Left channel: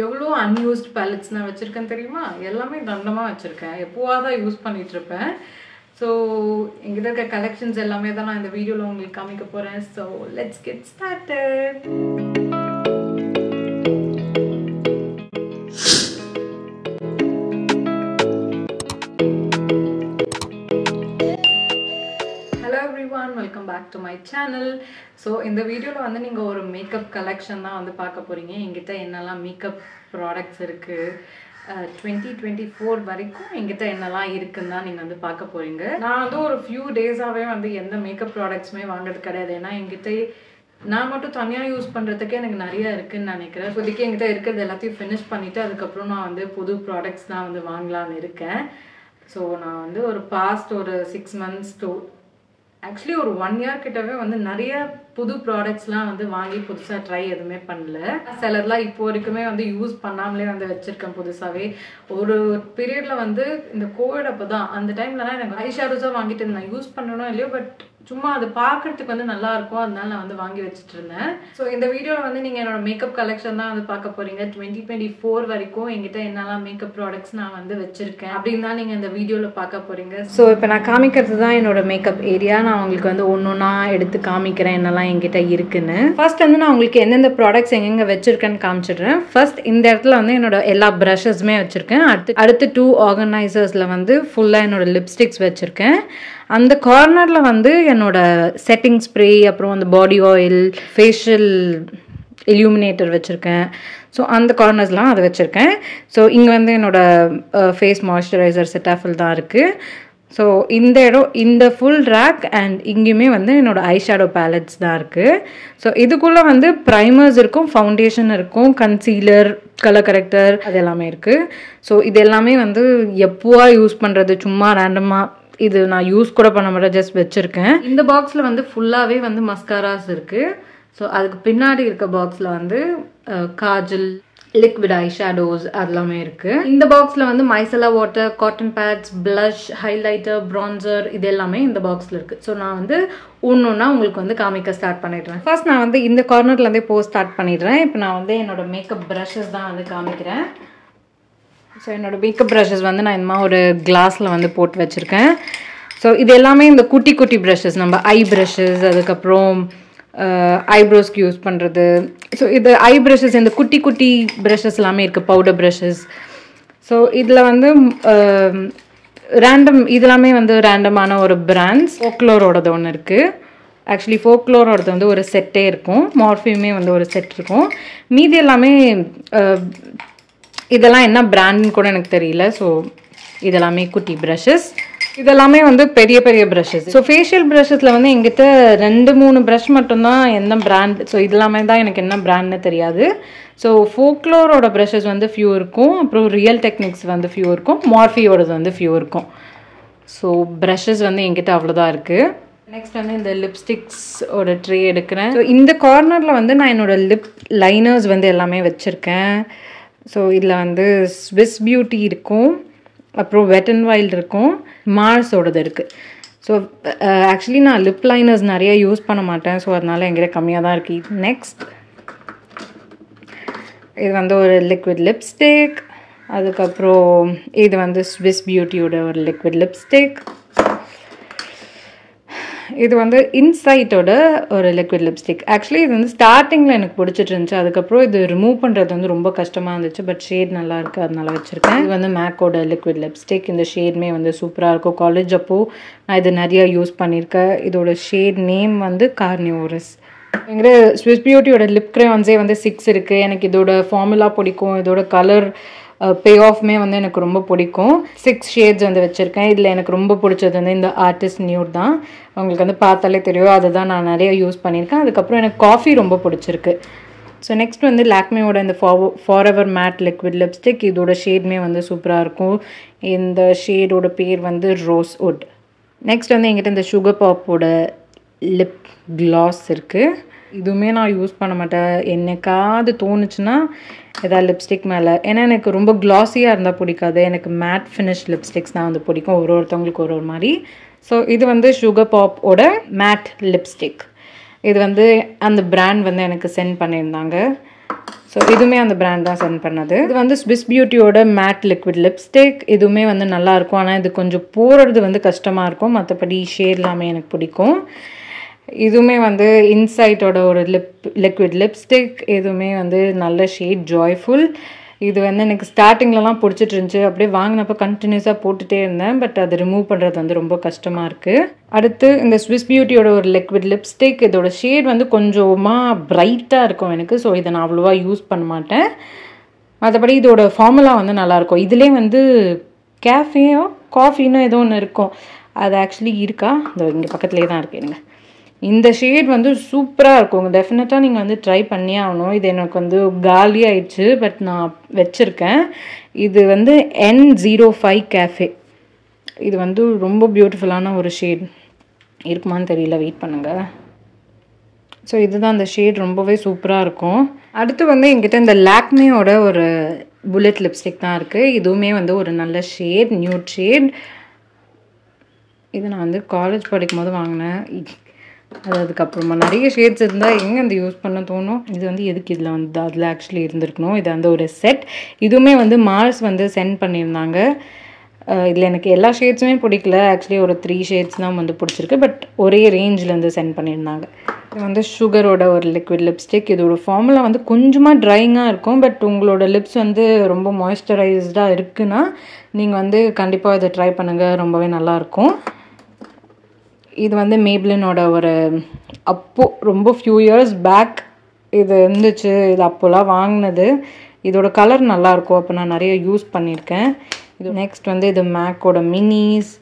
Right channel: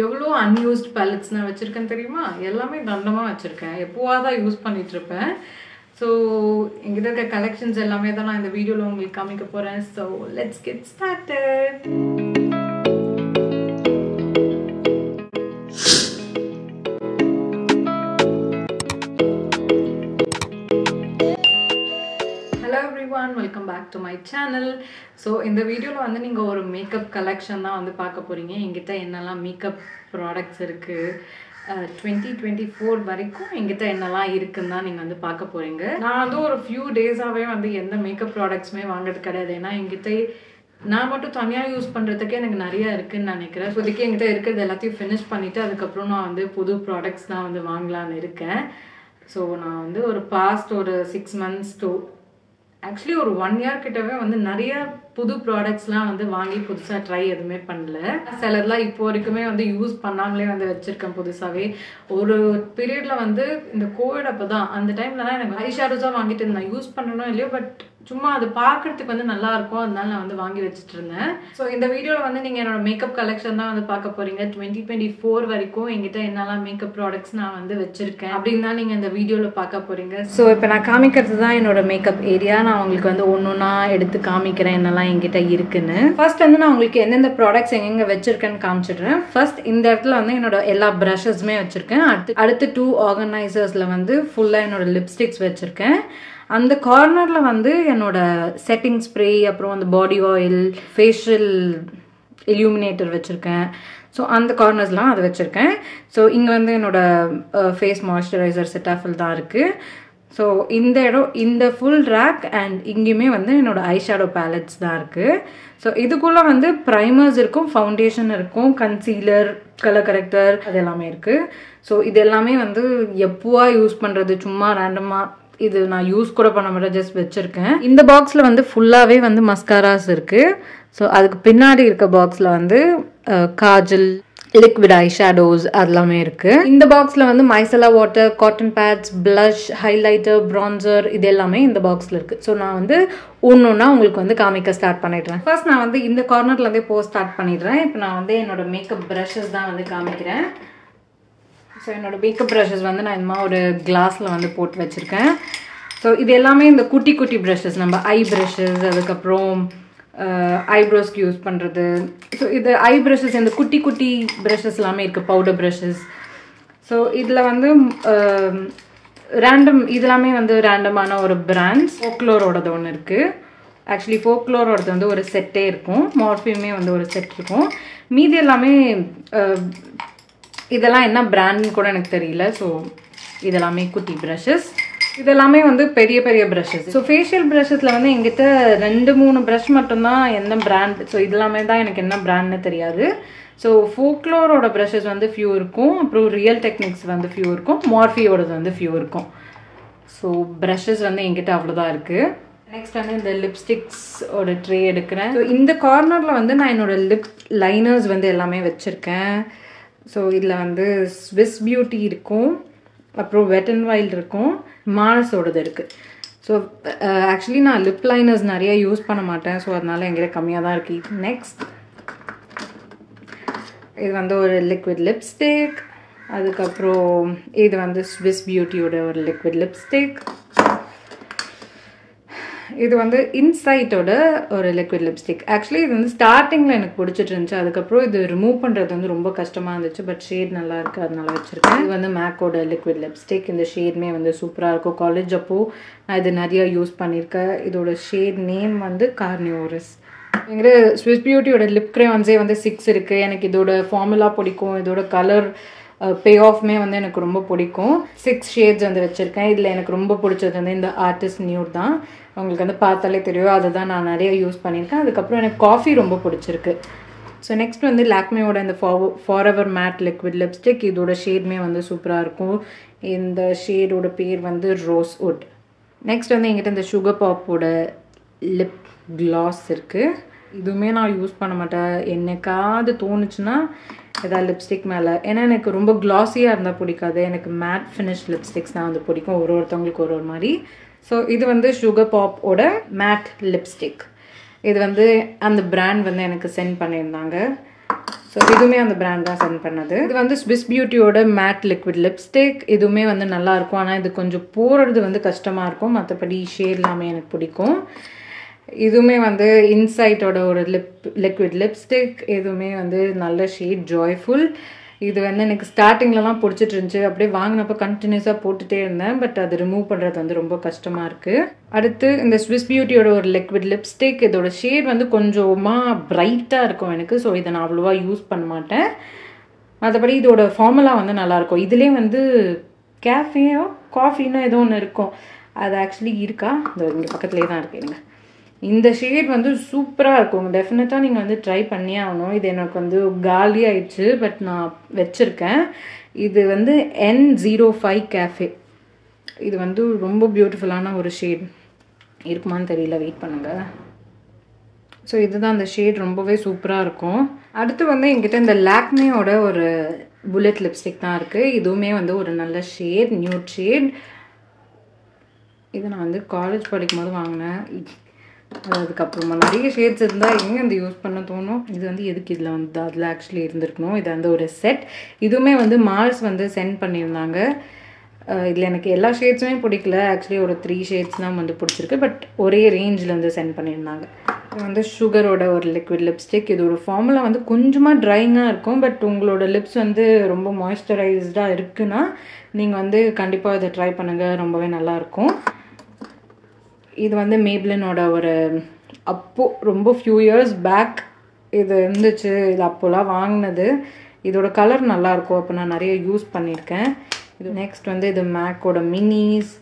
எவ்வளோ unused pallets நான் வச்சுருக்கேன் தெரியுமா? எல்லாமே தண்டமாக வச்சுருக்கேன். எப்போவாக தான் யூஸ் பண்ணிகிட்ருப்பேன். ஸோ எங்கிட்ட இருக்க கலெக்ஷன்ஸ் எல்லாமே தான் நான் இந்த வீடியோவில் உங்களுக்கு காமிக்க போகிறேன். So let's get started. Welcome back to my channel. So இந்த வீடியோவில் வந்து நீங்கள் ஒரு மேக்கப் கலெக்ஷன் தான் வந்து பார்க்க போகிறீங்க. எங்கிட்ட என்னெல்லாம் மேக்கப் ப்ராடக்ட்ஸ் இருக்குது, 2024 வரைக்கும் எங்கிட்ட என்னெல்லாம் இருக்குன்னு தான் நீங்கள் வந்து பார்க்க போகிறீங்க. நான் வந்து ஒரு ஃபியூ டேஸாகவே வந்து எந்த மேக்கப் ப்ராடக்ட்ஸுமே வாங்குறது கிடையாது. ஏன்னா எங்கிட்ட நான் மட்டும் தனியாக யூஸ் பண்ணுறதுக்கே எனக்கு நிறையா இருக்குதுன்னு நினைக்கிறேன். இப்போதைக்கு எங்கிட்ட இருக்கிறது எல்லாத்தையும் ஃபினிஷ் பண்ணிவிட்டு அதுக்கப்புறம் நான் வந்து புது ப்ராடக்ட்ஸ் தான் வந்து வாங்கலான்னு இருக்கேன். ஸோ நான் வந்து ஒரு பாஸ்ட் ஒரு 6 months to ஆக்சுவலி ஒரு 1 year கிட்டவே வந்து நிறைய புது ப்ராடக்ட்ஸ்லாம் வந்து வாங்கி புதுசாக ட்ரை எதுவுமே பண்ணல. சிலர்லாம் இப்போ வரைக்குமே வந்து யூஸ் பண்ணாமலே வந்து வச்சுருக்கேன் புதுசாகவே. ஒரு பீரியடில் வந்து இந்த கோவிட் அப்போ தான், அந்த டைம்லலாம் எனக்கு ஐ ஷேடோஸாக வாங்கிட்டு இருந்தேன். யூஸ் பண்ணணும் இல்லையோ, பட் சும்மா அது பார்க்குறதுக்கு வந்து நல்லா இருக்கும், அதனால நான் வந்து வாங்கி வச்சுட்டு இருந்தேன். ஸோ இந்த வீடியோவில் வந்து நீங்கள் என்னோட மேக்கப் கலெக்ஷன் தான் வந்து பார்க்க போகிறீங்க. 2024 வரைக்கும் எங்கிட்ட என்னெல்லாம் மேக்கப் ப்ராடக்ட்ஸ் நான் வந்து வச்சுருக்கேன் அப்படின்னு தான் நீங்கள் இந்த வீடியோவில் பார்க்க போகிறீங்க. ஸோ இப்போ நான் காமிக்கிறது தான் என்னோட மேக்கப் ஏரியா. நான் உங்களுக்கு வந்து ஒன்று ஒன்றா எடுத்து காமிக்கிறேன் என்னெல்லாம் என்கிட்ட இருக்குன்னு. ஃபர்ஸ்ட் வந்து நான் உங்களுக்கு எந்தெந்த ப்ராடக்ட்ஸ் எங்கெங்க வச்சிருக்கேன்னு காமிச்சிடுறேன். ஃபர்ஸ்ட் இந்த இடத்துல வந்து என்னோட எல்லா ப்ரஷஸ்மே வச்சிருக்கேன். அடுத்து 2 ஆர்கனைசர்ஸ்ல வந்து ஃபுல்லாக என்னோட லிப்ஸ்டிக்ஸ் வச்சிருக்கேன். அந்த கார்னரில் வந்து என்னோட செட்டிங் ஸ்ப்ரே, அப்புறம் அந்த பாடி ஆயில், ஃபேஷியல் இல்யூமினேட்டர் வச்சுருக்கேன். ஸோ அந்த கார்னர்ஸ்லாம் அதை வச்சுருக்கேன். ஸோ இங்கே வந்து என்னோட ஃபேஸ் மாய்ஸ்சரைசர் செட்டாஃபில் தான் இருக்குது. ஸோ இந்த இடம், இந்த ஃபுல் ரேக் அண்ட் இங்கேயுமே வந்து என்னோட ஐ ஷேடோ பேலட்ஸ் தான் இருக்குது. ஸோ இதுக்குள்ளே வந்து ப்ரைமர்ஸ் இருக்கும், ஃபவுண்டேஷன் இருக்கும், கன்சீலர், கலர் கரெக்டர், அது எல்லாமே இருக்குது. ஸோ இது எல்லாமே வந்து எப்போவா யூஸ் பண்ணுறது, சும்மா ரேண்டமாக இது நான் யூஸ் கூட பண்ண மாட்டேன், ஜஸ்ட் வச்சுருக்கேன். இந்த பாக்ஸில் வந்து ஃபுல்லாகவே வந்து மஸ்காராஸ் இருக்குது. ஸோ அதுக்கு பின்னாடி இருக்க பாக்ஸில் வந்து காஜல், லிக்விட் ஐ ஷேடோஸ் அதெல்லாமே இருக்குது. இந்த பாக்ஸில் வந்து micellar water, cotton pads, blush, highlighter, bronzer, இது எல்லாமே இந்த பாக்ஸில் இருக்குது. ஸோ நான் வந்து ஒன்றா உங்களுக்கு வந்து காமிக்க ஸ்டார்ட் பண்ணிடுறேன். ஃபர்ஸ்ட் நான் வந்து இந்த கார்னர்லேருந்தே போக ஸ்டார்ட் பண்ணிடுறேன். இப்போ நான் வந்து என்னோட மேக்கப் ப்ரஷஸ் தான் வந்து காமிக்கிறேன். ஸோ என்னோட மேக்கப் ப்ரஷஸ் வந்து நான் இந்த மாதிரி ஒரு கிளாஸில் வந்து போட்டு வச்சுருக்கேன். ஸோ இது எல்லாமே இந்த குட்டி குட்டி ப்ரஷஸ், நம்ம ஐ ப்ரஷஸ், அதுக்கப்புறம் ஐப்ரோஸ்க்கு யூஸ் பண்ணுறது. ஸோ இது ஐ ப்ரஷஸ், இந்த குட்டி குட்டி ப்ரஷஸ் எல்லாமே இருக்குது, பவுடர் ப்ரஷஸ். ஸோ இதில் வந்து இதெல்லாமே வந்து ரேண்டமான ஒரு பிராண்ட்ஸ். ஃபோக்லோரோடது ஒன்று இருக்குது. ஆக்சுவலி ஃபோக்லோரோடது வந்து ஒரு செட்டே இருக்கும், மார்ஃபியுமே வந்து ஒரு செட் இருக்கும். மீதி எல்லாமே இதெல்லாம் என்ன பிராண்ட்னு கூட எனக்கு தெரியல. ஸோ இதெல்லாமே குட்டி ப்ரஷஸ், இதெல்லாமே வந்து பெரிய பெரிய ப்ரஷஸ். ஸோ ஃபேஷியல் ப்ரஷஸில் வந்து எங்கிட்ட 2-3 ப்ரஷ் மட்டும்தான் என்ன பிராண்ட். ஸோ இதெல்லாமே தான் எனக்கு என்ன பிராண்ட்னு தெரியாது. ஸோ ஃபோக்லோரோட ப்ரஷஸ் வந்து ஃபியூ இருக்கும், அப்புறம் ரியல் டெக்னிக்ஸ் வந்து ஃபியூ இருக்கும், மார்ஃபியோடது வந்து ஃபியூ இருக்கும். ஸோ ப்ரஷஸ் வந்து எங்கிட்ட அவ்வளோதான் இருக்குது. நெக்ஸ்ட் வந்து இந்த லிப்ஸ்டிக்ஸோட ட்ரே எடுக்கிறேன். ஸோ இந்த கார்னரில் வந்து நான் என்னோட லிப் லைனர்ஸ் வந்து எல்லாமே வச்சுருக்கேன். ஸோ இதில் வந்து ஸ்விஸ் பியூட்டி இருக்கும், அப்புறம் வெட் அண்ட் வைல்ட் இருக்கும், மார்ஸோடது இருக்குது. ஸோ ஆக்சுவலி நான் லிப் லைனர்ஸ் நிறைய யூஸ் பண்ண மாட்டேன். ஸோ அதனால எங்கிட்ட கம்மியாக தான் இருக்குது. நெக்ஸ்ட் இது வந்து ஒரு லிக்விட் லிப்ஸ்டிக். அதுக்கப்புறம் இது வந்து ஸ்விஸ் பியூட்டியோட ஒரு லிக்விட் லிப்ஸ்டிக். இது வந்து இன்சைட்டோட ஒரு லிக்விட் லிப்ஸ்டிக். ஆக்சுவலி இது வந்து ஸ்டார்டிங்கில் எனக்கு பிடிச்சிட்டு இருந்துச்சு, அதுக்கப்புறம் இது ரிமூவ் பண்ணுறது வந்து ரொம்ப கஷ்டமாக இருந்துச்சு. பட் ஷேட் நல்லா இருக்குது, அதனால வச்சுருக்கேன். இது வந்து மேக்கோட லிக்விட் லிப்ஸ்டிக். இந்த ஷேட்மே வந்து சூப்பராக இருக்கும். காலேஜ் அப்போது நான் இது நிறையா யூஸ் பண்ணியிருக்கேன். இதோட ஷேட் நேம் வந்து கார்னிவோரஸ். எங்கிட்ட ஸ்விஸ் பியூட்டியோட லிப் க்ரையான்ஸே வந்து 6 இருக்குது. எனக்கு இதோட ஃபார்முலா பிடிக்கும், இதோட கலர் பே ஆஃப்மே வந்து எனக்கு ரொம்ப பிடிக்கும். 6 ஷேட்ஸ் வந்து வச்சுருக்கேன். இதில் எனக்கு ரொம்ப பிடிச்சது வந்து இந்த ஆர்டிஸ்ட் நியூட் தான். உங்களுக்கு வந்து பார்த்தாலே தெரியும், அதுதான் நான் நிறைய யூஸ் பண்ணியிருக்கேன். அதுக்கப்புறம் எனக்கு காஃபி ரொம்ப பிடிச்சிருக்கு. ஸோ நெக்ஸ்ட் வந்து லாக்மேயோட இந்த ஃபாரெவர் மேட் லிக்விட் லிப்ஸ்டிக். இதோட ஷேட்மே வந்து சூப்பராக இருக்கும். இந்த ஷேடோட பேர் வந்து ரோஸ் வுட். நெக்ஸ்ட் வந்து எங்கிட்ட இந்த சுகர் பாப்போட லிப் க்ளாஸ் இருக்குது. இதுவுமே நான் யூஸ் பண்ண மாட்டேன். என்னைக்காவது தோணுச்சுன்னா ஏதாவது லிப்ஸ்டிக் மேலே, ஏன்னா எனக்கு ரொம்ப க்ளாஸியாக இருந்தால் பிடிக்காது. எனக்கு மேட் ஃபினிஷ் லிப்ஸ்டிக்ஸ் தான் வந்து பிடிக்கும், ஒருத்தவங்களுக்கு ஒரு மாதிரி. ஸோ இது வந்து சுகர் பாப்போட மேட் லிப்ஸ்டிக். இது வந்து அந்த பிராண்ட் வந்து எனக்கு சென்ட் பண்ணியிருந்தாங்க. ஸோ இதுவுமே அந்த பிராண்ட் தான் சென்ட் பண்ணது. இது வந்து ஸ்விஸ் பியூட்டியோட மேட் லிக்விட் லிப்ஸ்டிக். இதுவுமே வந்து நல்லாயிருக்கும். ஆனால் இது கொஞ்சம் போடுறது வந்து கஷ்டமாக இருக்கும். மற்றபடி ஷேட் எல்லாமே எனக்கு பிடிக்கும். இதுவுமே வந்து இன்சைட்டோட ஒரு லிக்விட் லிப்ஸ்டிக். இதுவுமே வந்து நல்ல ஷேட் ஜாய்ஃபுல். இது வந்து எனக்கு ஸ்டார்டிங்லலாம் பிடிச்சிட்டு இருந்துச்சு. அப்படியே வாங்கினப்போ கண்டினியூஸாக போட்டுகிட்டே இருந்தேன். பட் அது ரிமூவ் பண்ணுறது வந்து ரொம்ப கஷ்டமாக இருக்குது. அடுத்து இந்த ஸ்விஸ் பியூட்டியோட ஒரு லிக்விட் லிப்ஸ்டிக். இதோட ஷேட் வந்து கொஞ்சமாக பிரைட்டாக இருக்கும் எனக்கு. ஸோ இதை நான் அவ்வளோவா யூஸ் பண்ண மாட்டேன். மற்றபடி இதோட ஃபார்முலா வந்து நல்லாயிருக்கும். இதுலேயே வந்து கேஃபேயோ காஃபின்னு ஏதோ ஒன்று இருக்கும். அது ஆக்சுவலி இருக்கா? இங்கே பக்கத்துலேயே தான் இருக்குது. எனக்கு இந்த ஷேட் வந்து சூப்பராக இருக்கும். டெஃபினட்டாக நீங்கள் வந்து ட்ரை பண்ணியே ஆகணும். இது எனக்கு வந்து காலி ஆயிடுச்சு. பட் நான் வச்சுருக்கேன். இது வந்து N05 கேஃபே. இது வந்து ரொம்ப பியூட்டிஃபுல்லான ஒரு ஷேட். இருக்குமான்னு தெரியல, வெயிட் பண்ணுங்கள். ஸோ இதுதான் அந்த ஷேட். ரொம்பவே சூப்பராக இருக்கும். அடுத்து வந்து என்கிட்ட இந்த லாக்மேயோட ஒரு புல்லட் லிப்ஸ்டிக் தான் இருக்குது. இதுவுமே வந்து ஒரு நல்ல ஷேட், நியூட் ஷேட். இது நான் வந்து காலேஜ் படிக்கும் போது வாங்கினேன். அதுக்கப்புறமா நிறைய ஷேட்ஸ் இருந்தால் எங்கே அந்த யூஸ் பண்ண தோணும். இது வந்து எதுக்கு இதில் வந்து அதில் ஆக்சுவலி இருந்திருக்கணும். இது வந்து ஒரு செட். இதுவுமே வந்து மார்ஸ் வந்து சென்ட் பண்ணியிருந்தாங்க. இதில் எனக்கு எல்லா ஷேட்ஸுமே பிடிக்கல. ஆக்சுவலி ஒரு 3 ஷேட்ஸ் தான் வந்து பிடிச்சிருக்கு. பட் ஒரே ரேஞ்சிலேருந்து சென்ட் பண்ணியிருந்தாங்க. இது வந்து சுகரோட ஒரு லிக்விட் லிப்ஸ்டிக். இதோட ஃபார்முலா வந்து கொஞ்சமாக ட்ரைங்காக இருக்கும். பட் உங்களோட லிப்ஸ் வந்து ரொம்ப மாய்ஸ்சரைஸ்டாக இருக்குன்னா நீங்கள் வந்து கண்டிப்பாக இதை ட்ரை பண்ணுங்கள். ரொம்பவே நல்லாயிருக்கும். இது வந்து மேப்ளினோட ஒரு ரொம்ப ஃபியூ இயர்ஸ் பேக் இது இருந்துச்சு. இது அப்போலாம் வாங்கினது. இதோட கலர் நல்லாயிருக்கும். அப்போ நான் நிறைய யூஸ் பண்ணியிருக்கேன். இது நெக்ஸ்ட் வந்து இது மேக்கோட மினிஸ்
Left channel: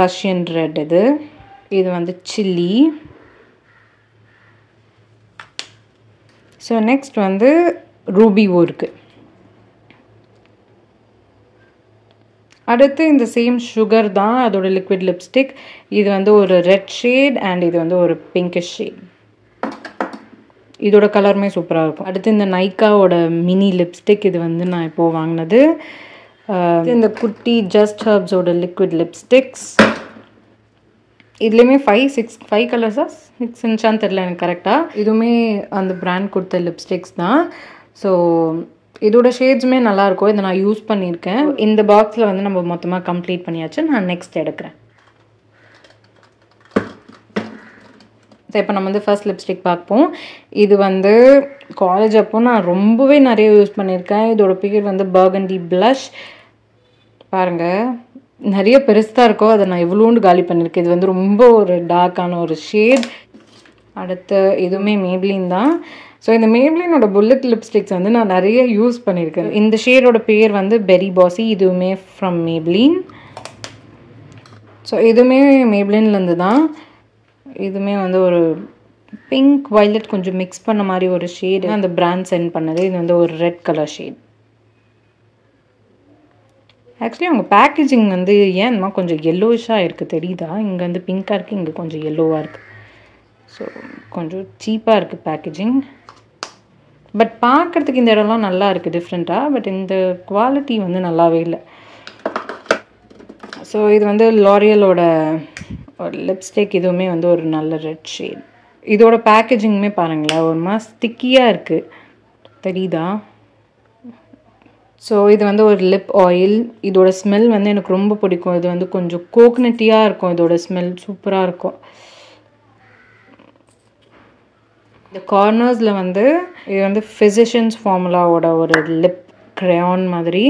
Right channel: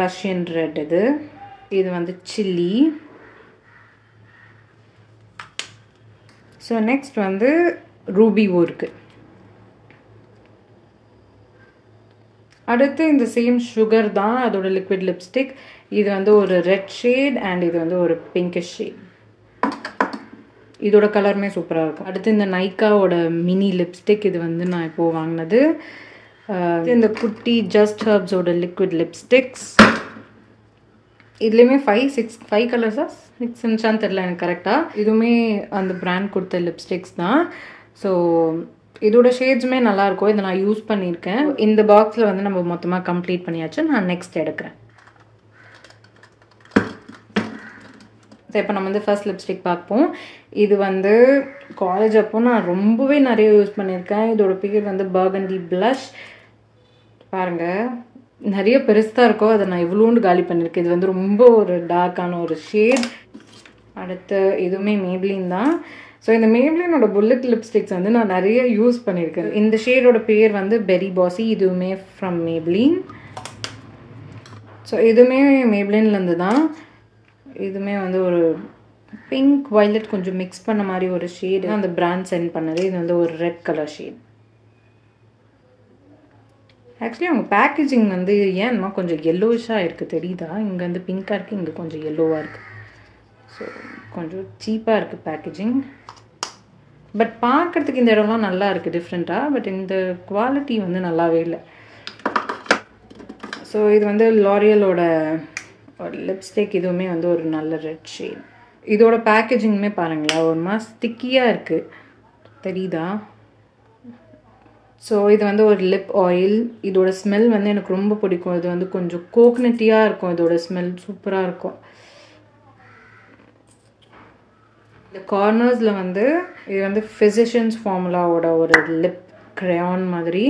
ரஷ்யன் ரெட். இது வந்து சில்லி. ஸோ நெக்ஸ்ட் வந்து ரூபிவோ இருக்குது. அடுத்து இந்த சேம் சுகர் தான் அதோட லிக்விட் லிப்ஸ்டிக். இது வந்து ஒரு ரெட் ஷேட் அண்ட் இது வந்து ஒரு பிங்கிஷ் ஷேட். இதோட கலருமே சூப்பராக இருக்கும். அடுத்து இந்த நைக்காவோட மினி லிப்ஸ்டிக். இது வந்து நான் இப்போது வாங்கினது. இந்த குட்டி ஜஸ்ட் ஹர்ப்ஸோட லிக்விட் லிப்ஸ்டிக்ஸ். இதுலேயுமே 5 கலர்ஸா 6 இன்ச்சான்னு தெரில எனக்கு கரெக்டாக. இதுவுமே அந்த பிராண்ட் கொடுத்த லிப்ஸ்டிக்ஸ் தான். ஸோ இதோட ஷேட்ஸுமே நல்லாயிருக்கும். இதை நான் யூஸ் பண்ணியிருக்கேன். இந்த பாக்ஸில் வந்து நம்ம மொத்தமாக கம்ப்ளீட் பண்ணியாச்சு. நான் நெக்ஸ்ட் எடுக்கிறேன். ஸோ இப்போ நம்ம வந்து ஃபர்ஸ்ட் லிப்ஸ்டிக் பார்ப்போம். இது வந்து காலேஜ் அப்போ நான் ரொம்பவே நிறைய யூஸ் பண்ணியிருக்கேன். இதோட பேர் வந்து பர்கண்டி ப்ளஷ். பாருங்கள், நிறைய பெருசாக இருக்கோ. அதை நான் இவ்வளோண்டு காலி பண்ணியிருக்கேன். இது வந்து ரொம்ப ஒரு டார்க்கான ஒரு ஷேட். அடுத்து இதுவுமே மேப்ளின் தான். ஸோ இந்த மேப்ளினோட புல்லட் லிப்ஸ்டிக்ஸ் வந்து நான் நிறைய யூஸ் பண்ணியிருக்கேன். இந்த ஷேடோட பேர் வந்து பெரி பாசி. இதுவுமே ஃப்ரம் மேப்ளின். ஸோ இதுவுமே மேப்ளின்லேருந்து தான். இதுவுமே வந்து ஒரு பிங்க் வயலட் கொஞ்சம் மிக்ஸ் பண்ண மாதிரி ஒரு ஷேடு அந்த பிராண்ட் சென்ட் பண்ணது. இது வந்து ஒரு ரெட் கலர் ஷேட். ஆக்சுவலி அவங்க பேக்கேஜிங் வந்து ஏன்னா கொஞ்சம் எல்லோஷாக இருக்குது, தெரியுதா? இங்கே வந்து பிங்காக இருக்குது, இங்கே கொஞ்சம் எல்லோவாக இருக்குது. ஸோ கொஞ்சம் சீப்பாக இருக்குது பேக்கேஜிங். பட் பார்க்குறதுக்கு இந்த இடம்லாம் நல்லா இருக்குது டிஃப்ரெண்ட்டாக. பட் இந்த குவாலிட்டி வந்து நல்லாவே இல்லை. ஸோ இது வந்து லாரியலோட ஒரு லிப்ஸ்டிக். இதுவுமே வந்து ஒரு நல்ல ரெட் ஷேட். இதோட பேக்கேஜிங்குமே பாருங்களேன், ஒரு மாதிரி ஸ்டிக்கியாக இருக்குது, தெரியுதா? ஸோ இது வந்து ஒரு லிப் ஆயில். இதோட ஸ்மெல் வந்து எனக்கு ரொம்ப பிடிக்கும். இது வந்து கொஞ்சம் கோகனட்டியாக இருக்கும். இதோட ஸ்மெல் சூப்பராக இருக்கும். இந்த கார்னர்ஸில் வந்து இது வந்து ஃபிசிஷியன்ஸ் ஃபார்முலாவோட ஒரு லிப் க்ரையான் மாதிரி.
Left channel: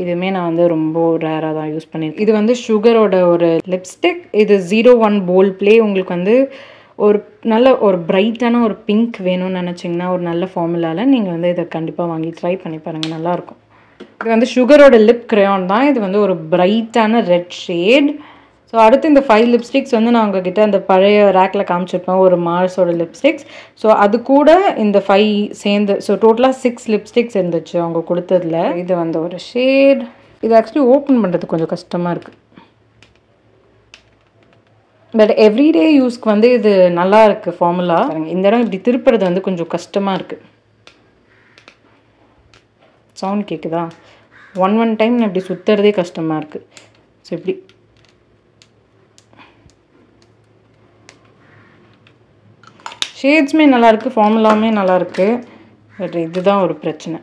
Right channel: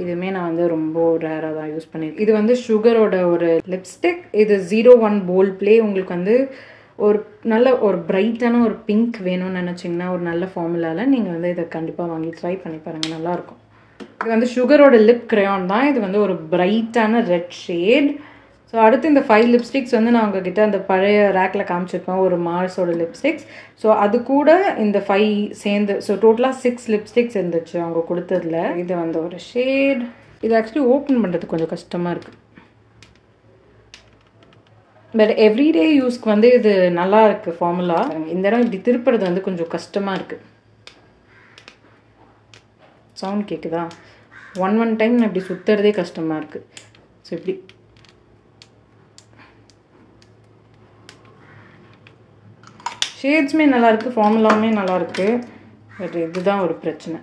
இதுவுமே நான் வந்து ரொம்ப ரேராக தான் யூஸ் பண்ணியிருக்கேன். இது வந்து சுகரோட ஒரு லிப்ஸ்டிக். இது 01 போல்ட் ப்ளே. உங்களுக்கு வந்து ஒரு நல்ல ஒரு பிரைட்டான ஒரு பிங்க் வேணும்னு நினச்சிங்கன்னா ஒரு நல்ல ஃபார்முலாவில் நீங்கள் வந்து இதை கண்டிப்பாக வாங்கி ட்ரை பண்ணி பாருங்கள், நல்லாயிருக்கும். இது வந்து சுகரோட லிப் க்ரையான் தான். இது வந்து ஒரு பிரைட்டான ரெட் ஷேட். ஸோ அடுத்து இந்த 5 லிப்ஸ்டிக்ஸ் வந்து நான் உங்ககிட்ட அந்த பழைய ரேக்கில் காமிச்சிருப்பேன், ஒரு மார்ஸோட லிப்ஸ்டிக்ஸ். ஸோ அது கூட இந்த 5 சேர்ந்து, ஸோ டோட்டலாக 6 லிப்ஸ்டிக்ஸ் இருந்துச்சு அவங்க கொடுத்ததில். இது வந்து ஒரு ஷேட். இது ஆக்சுவலி ஓப்பன் பண்ணுறது கொஞ்சம் கஷ்டமாக இருக்குது. பட் எவ்ரிடே யூஸ்க்கு வந்து இது நல்லா இருக்குது ஃபார்முலா. இந்த இடம் இப்படி திருப்புறது வந்து கொஞ்சம் கஷ்டமாக இருக்குது. சவுண்ட் கேட்குதா? ஒன் டைம் நான் இப்படி சுற்றுறதே கஷ்டமாக இருக்குது. ஸோ இப்படி ஷேட்ஸுமே நல்லாயிருக்கு, ஃபார்முலாவுமே நல்லாயிருக்கு. பட் இதுதான் ஒரு பிரச்சனை.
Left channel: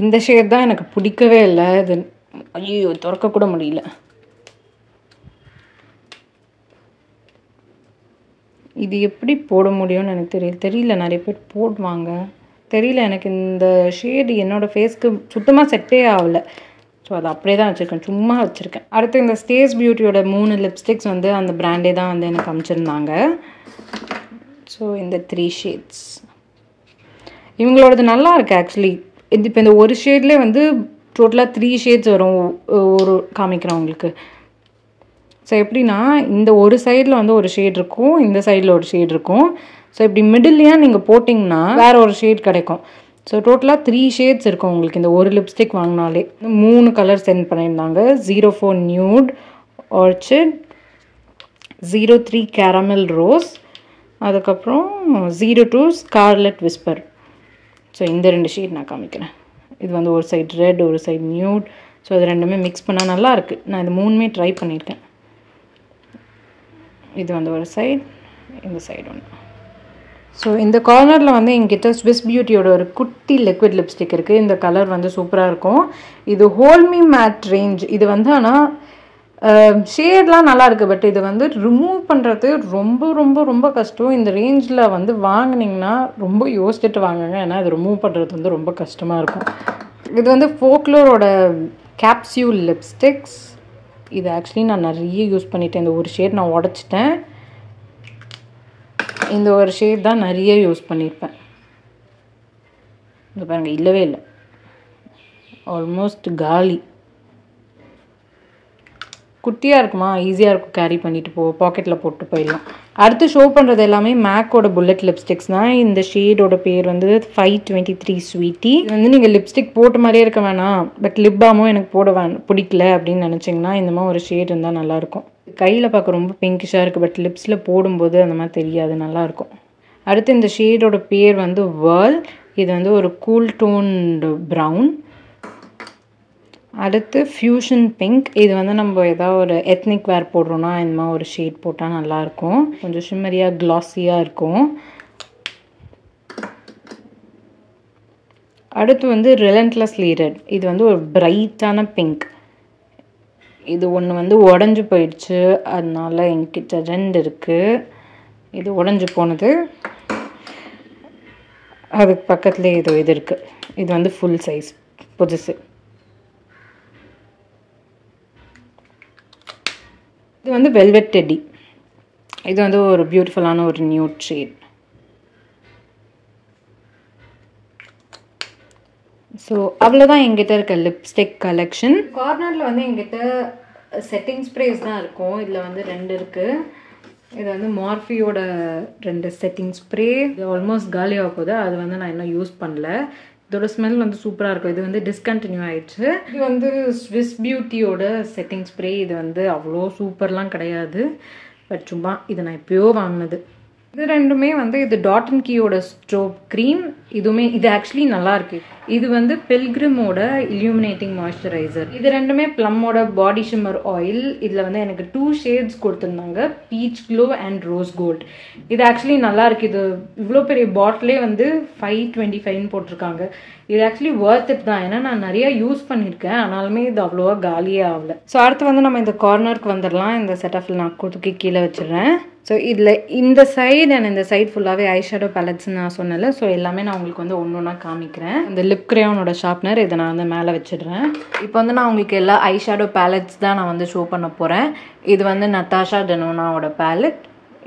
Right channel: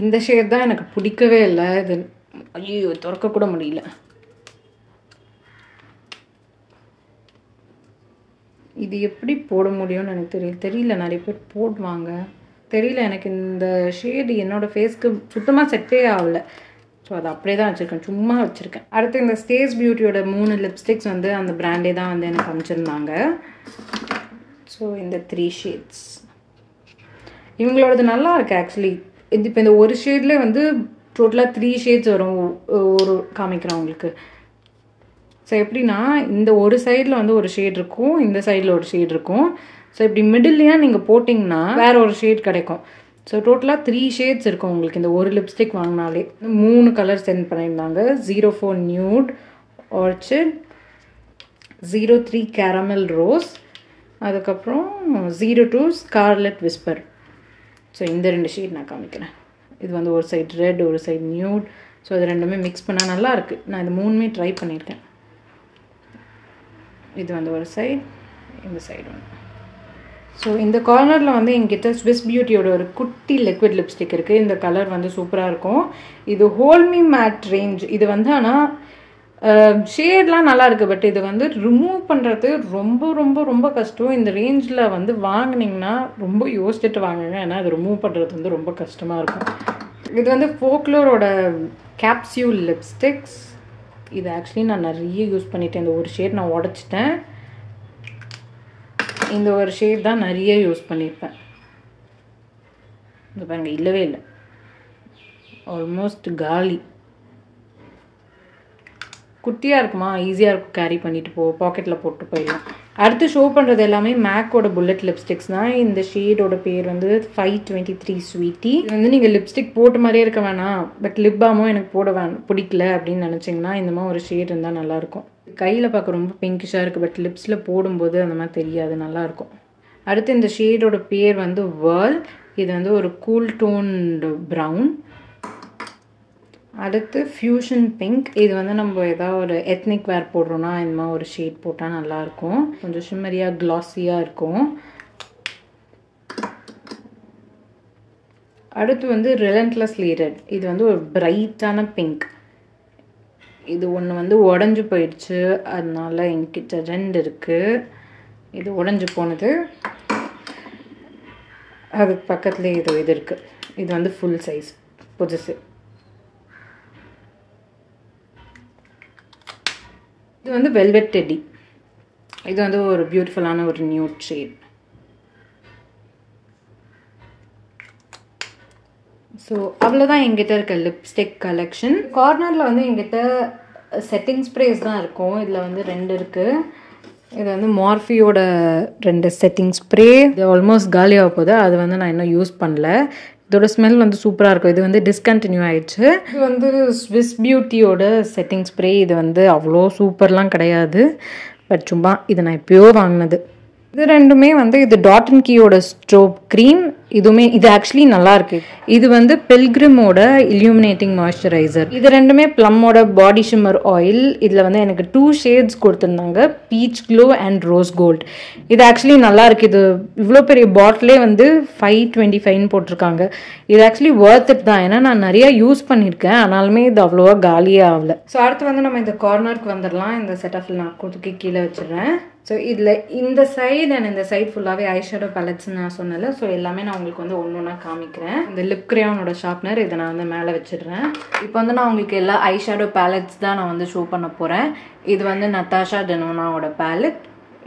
இந்த ஷேட் தான் எனக்கு பிடிக்கவே இல்லை. இது ஐயோ திறக்கக்கூட முடியல. இது எப்படி போட முடியும்னு எனக்கு தெரியல. நிறைய பேர் போடுவாங்க, தெரியல. எனக்கு இந்த ஷேடு என்னோடய ஃபேஸ்க்கு சுத்தமாக செட்டே ஆகலை. ஸோ அது அப்படியே தான் வச்சுருக்கேன், சும்மா வச்சுருக்கேன். அடுத்து இந்த ஸ்டேஸ் பியூட்டியோட 3 லிப்ஸ்டிக்ஸ் வந்து அந்த பிராண்டே தான் வந்து எனக்கு அமைச்சிருந்தாங்க. ஸோ இந்த 3 ஷேட்ஸ் இவங்களோடது நல்லா இருக்குது ஆக்சுவலி. இது இப்போ இந்த ஒரு ஷேட்லேயே வந்து டோட்டலாக 3 ஷேட்ஸ் வரும் ஒரு காமிக்கிறவங்களுக்கு. ஸோ எப்படின்னா இந்த ஒரு சைடில் வந்து ஒரு ஷேட் இருக்கும், இந்த சைடில் ஒரு ஷேட் இருக்கும். ஸோ இப்படி மிடில்லையா நீங்கள் போட்டிங்கன்னா வேறு ஒரு ஷேட் கிடைக்கும். ஸோ டோட்டலாக 3 ஷேட்ஸ் இருக்கும் உங்களுக்கு இந்த ஒரு லிப்ஸ்டிக் வாங்கினாலே. 3 கலர் சென்ட் பண்ணியிருந்தாங்க. 04 நியூட் ஆர்ச்சிட், 03 கேரமல் ரோஸ், அதுக்கப்புறம் 02 ஸ்கார்லெட் விஸ்பர். ஸோ இந்த 2 ஷேட் நான் காமிக்கிறேன். இது வந்து ஒரு சைடு ரெட், ஒரு சைடு நியூட். ஸோ அது ரெண்டுமே மிக்ஸ் பண்ணால் நல்லாயிருக்கு. நான் இது 3மே ட்ரை பண்ணியிருக்கேன். இது வந்து ஒரு சைடு, இந்த சைடு ஒன்று. ஸோ இந்த கார்னரில் வந்து எங்கிட்ட ஸ்விஸ் பியூட்டியோட ஒரு குட்டி லிக்விட் லிப்ஸ்டிக் இருக்குது. இந்த கலர் வந்து சூப்பராக இருக்கும். இது ஹோல்மி மேட் ரேஞ்ச். இது வந்து ஆனால் ஷேட்லாம் நல்லா இருக்குது. பட் இது வந்து ரிமூவ் பண்ணுறது ரொம்ப ரொம்ப ரொம்ப கஷ்டம். இந்த ரேஞ்சில் வந்து வாங்கினீங்கன்னா ரொம்ப யோசிச்சுட்டு வாங்குங்க, ஏன்னா அது ரிமூவ் பண்ணுறது வந்து ரொம்ப கஷ்டமாக இருக்கும். இது வந்து ஃபோக்லோரோட கேப்சியூல் லிப்ஸ்டிக்ஸ். இது ஆக்சுவலி நான் நிறைய யூஸ் பண்ணிட்டேன். இந்த ஒரு ஷேட் நான் உடச்சிட்டேன். இந்த ஒரு ஷேட் தான் நிறைய யூஸ் பண்ணியிருப்பேன். இது பாருங்க, இல்லவே இல்லை, ஆல்மோஸ்ட் காலி. குட்டியாக இருக்குமா, ஈஸியாக இருக்கும் கேரி பண்ணிட்டு பாக்கெட்டில் போட்டு போயிடலாம். அடுத்து ஷோ பண்ணுறது எல்லாமே மேக்கோட புல்லட் லிப்ஸ்டிக்ஸ் தான். இந்த ஷேடோட பேர் வந்து 523 ஸ்வீட்டி. இது வந்து நீங்கள் லிப்ஸ்டிக் போட்ட மாதிரியே இருக்க வேணாம், பட் லிப் பாமும் எனக்கு போட பிடிக்கல அப்படின்னு நினச்சிங்கன்னா இந்த மாதிரி ஒரு ஷேட் இருந்தால் நல்லாயிருக்கும். கையில் பார்க்க ரொம்ப பிங்கிஷாக இருக்குது, பட் லிப்ஸில் போடும்போது அந்த மாதிரி தெரியாது, நல்லாயிருக்கும். அடுத்து இந்த ஷேடோட பேர் வந்து வேர்ல். இது வந்து ஒரு கூல் டோன்டு ப்ரௌன். அடுத்து ஃப்யூஷன் பிங்க். இது வந்து நம்ம ஏதாவது ஒரு எத்னிக் வேர் போடுறோன்னா இந்த மாதிரி ஒரு ஷேட் போட்டால் நல்லாயிருக்கும். கொஞ்சம் ஷிம்மரியாக க்ளாஸியாக இருக்கும். அடுத்து வந்து ரிலன்ட்லெஸ்லி ரெட். இது வந்து ஒரு பிரைட்டான பிங்க். இது ஒன்று வந்து உடஞ்சி போயிடுச்சு, அதனால என்கிட்ட 2 இருக்குது. இது உடஞ்சி போனது, அதுக்கு பக்கத்துலேயே இது இருக்குது. இது வந்து ஃபுல் சைஸ் புதுசு. இது வந்து வெல்வெட் டெடி. இது வந்து ஒரு பியூட்டிஃபுல்லான ஒரு நியூட் ஷேட். ஸோ அவ்வளோதான் எங்கிட்ட இருக்க லிப்ஸ்டிக் கலெக்ஷன். கார்னரில் வந்து எங்கிட்ட செட்டிங் ஸ்ப்ரேஸ் தான் இருக்கும். இதில் வந்து 2 இருக்குது. இது வந்து மார்ஃபியோட 2 செட்டிங் ஸ்ப்ரே. இது ஆல்மோஸ்ட் காலியாக போகுது, அது வந்து நான் இன்னும் யூஸ் பண்ணல. இதோட ஸ்மெல் வந்து சூப்பராக இருக்கும். இது வந்து டிஸ்கண்டினியூ ஆயிடுச்சு. இது வந்து ஸ்விஸ் பியூட்டியோட செட்டிங் ஸ்ப்ரே. இது வந்து அவ்வளோ சூப்பர்லாம் கிடையாது, பட் சும்மா இது நான் எப்பயோ வாங்கினது. இது ரெண்டுமே வந்து இது டாட் அண்ட் கீயோட ஸ்ட்ரோப் க்ரீம். இதுவுமே இது ஆக்சுவலி நல்லா இருக்கு. இது வந்து பில்கிரிமோட இல்யூமினேட்டிங் மாய்ஸ்சரைசர். இது ரெண்டுமே ப்ளம்மோட பாடி ஷிம்மர் ஆயில். இதில் வந்து எனக்கு 2 ஷேட்ஸ் கொடுத்துருந்தாங்க, peach glow and rose gold. இது ஆக்சுவலி நல்லா இருக்கு. இது இவ்வளோ பெரிய பாட்டிலே வந்து 525 போட்டிருக்காங்க. இது ஆக்சுவலி ஒர்த் இட் தான், ஏன்னா நான் நிறையா யூஸ் பண்ணியிருக்கேன், ஆனாலுமே இது அவ்வளோவா காலியே ஆகலை. ஸோ அடுத்து வந்து நம்ம இந்த கார்னருக்கு வந்துடலாம். இந்த செட்டஃபில் நான் கொடுத்துக்கி கீழே வச்சிடுறேன். ஸோ இதில் இந்த சைடு அண்ட் இந்த சைடு ஃபுல்லாகவே ஐஷேடோ பேலட்ஸ்ன்னு நான் சொன்னல. ஸோ எல்லாமே நான் உங்களுக்கு வந்து ஒன்று ஒன்றா காமிக்கிறேன். இந்த லிப் கிரேயோனோட ஷார்ப்னர் இதை நான் வந்து மேலே வச்சிடுறேன். இப்போ வந்து நான் உங்களுக்கு எல்லா ஐஷேடோ பேலட்ஸ் தான் நான் வந்து ஷோ பண்ண போகிறேன். இது வந்து நத்தாஷா டெனோனாவோட பேலட்.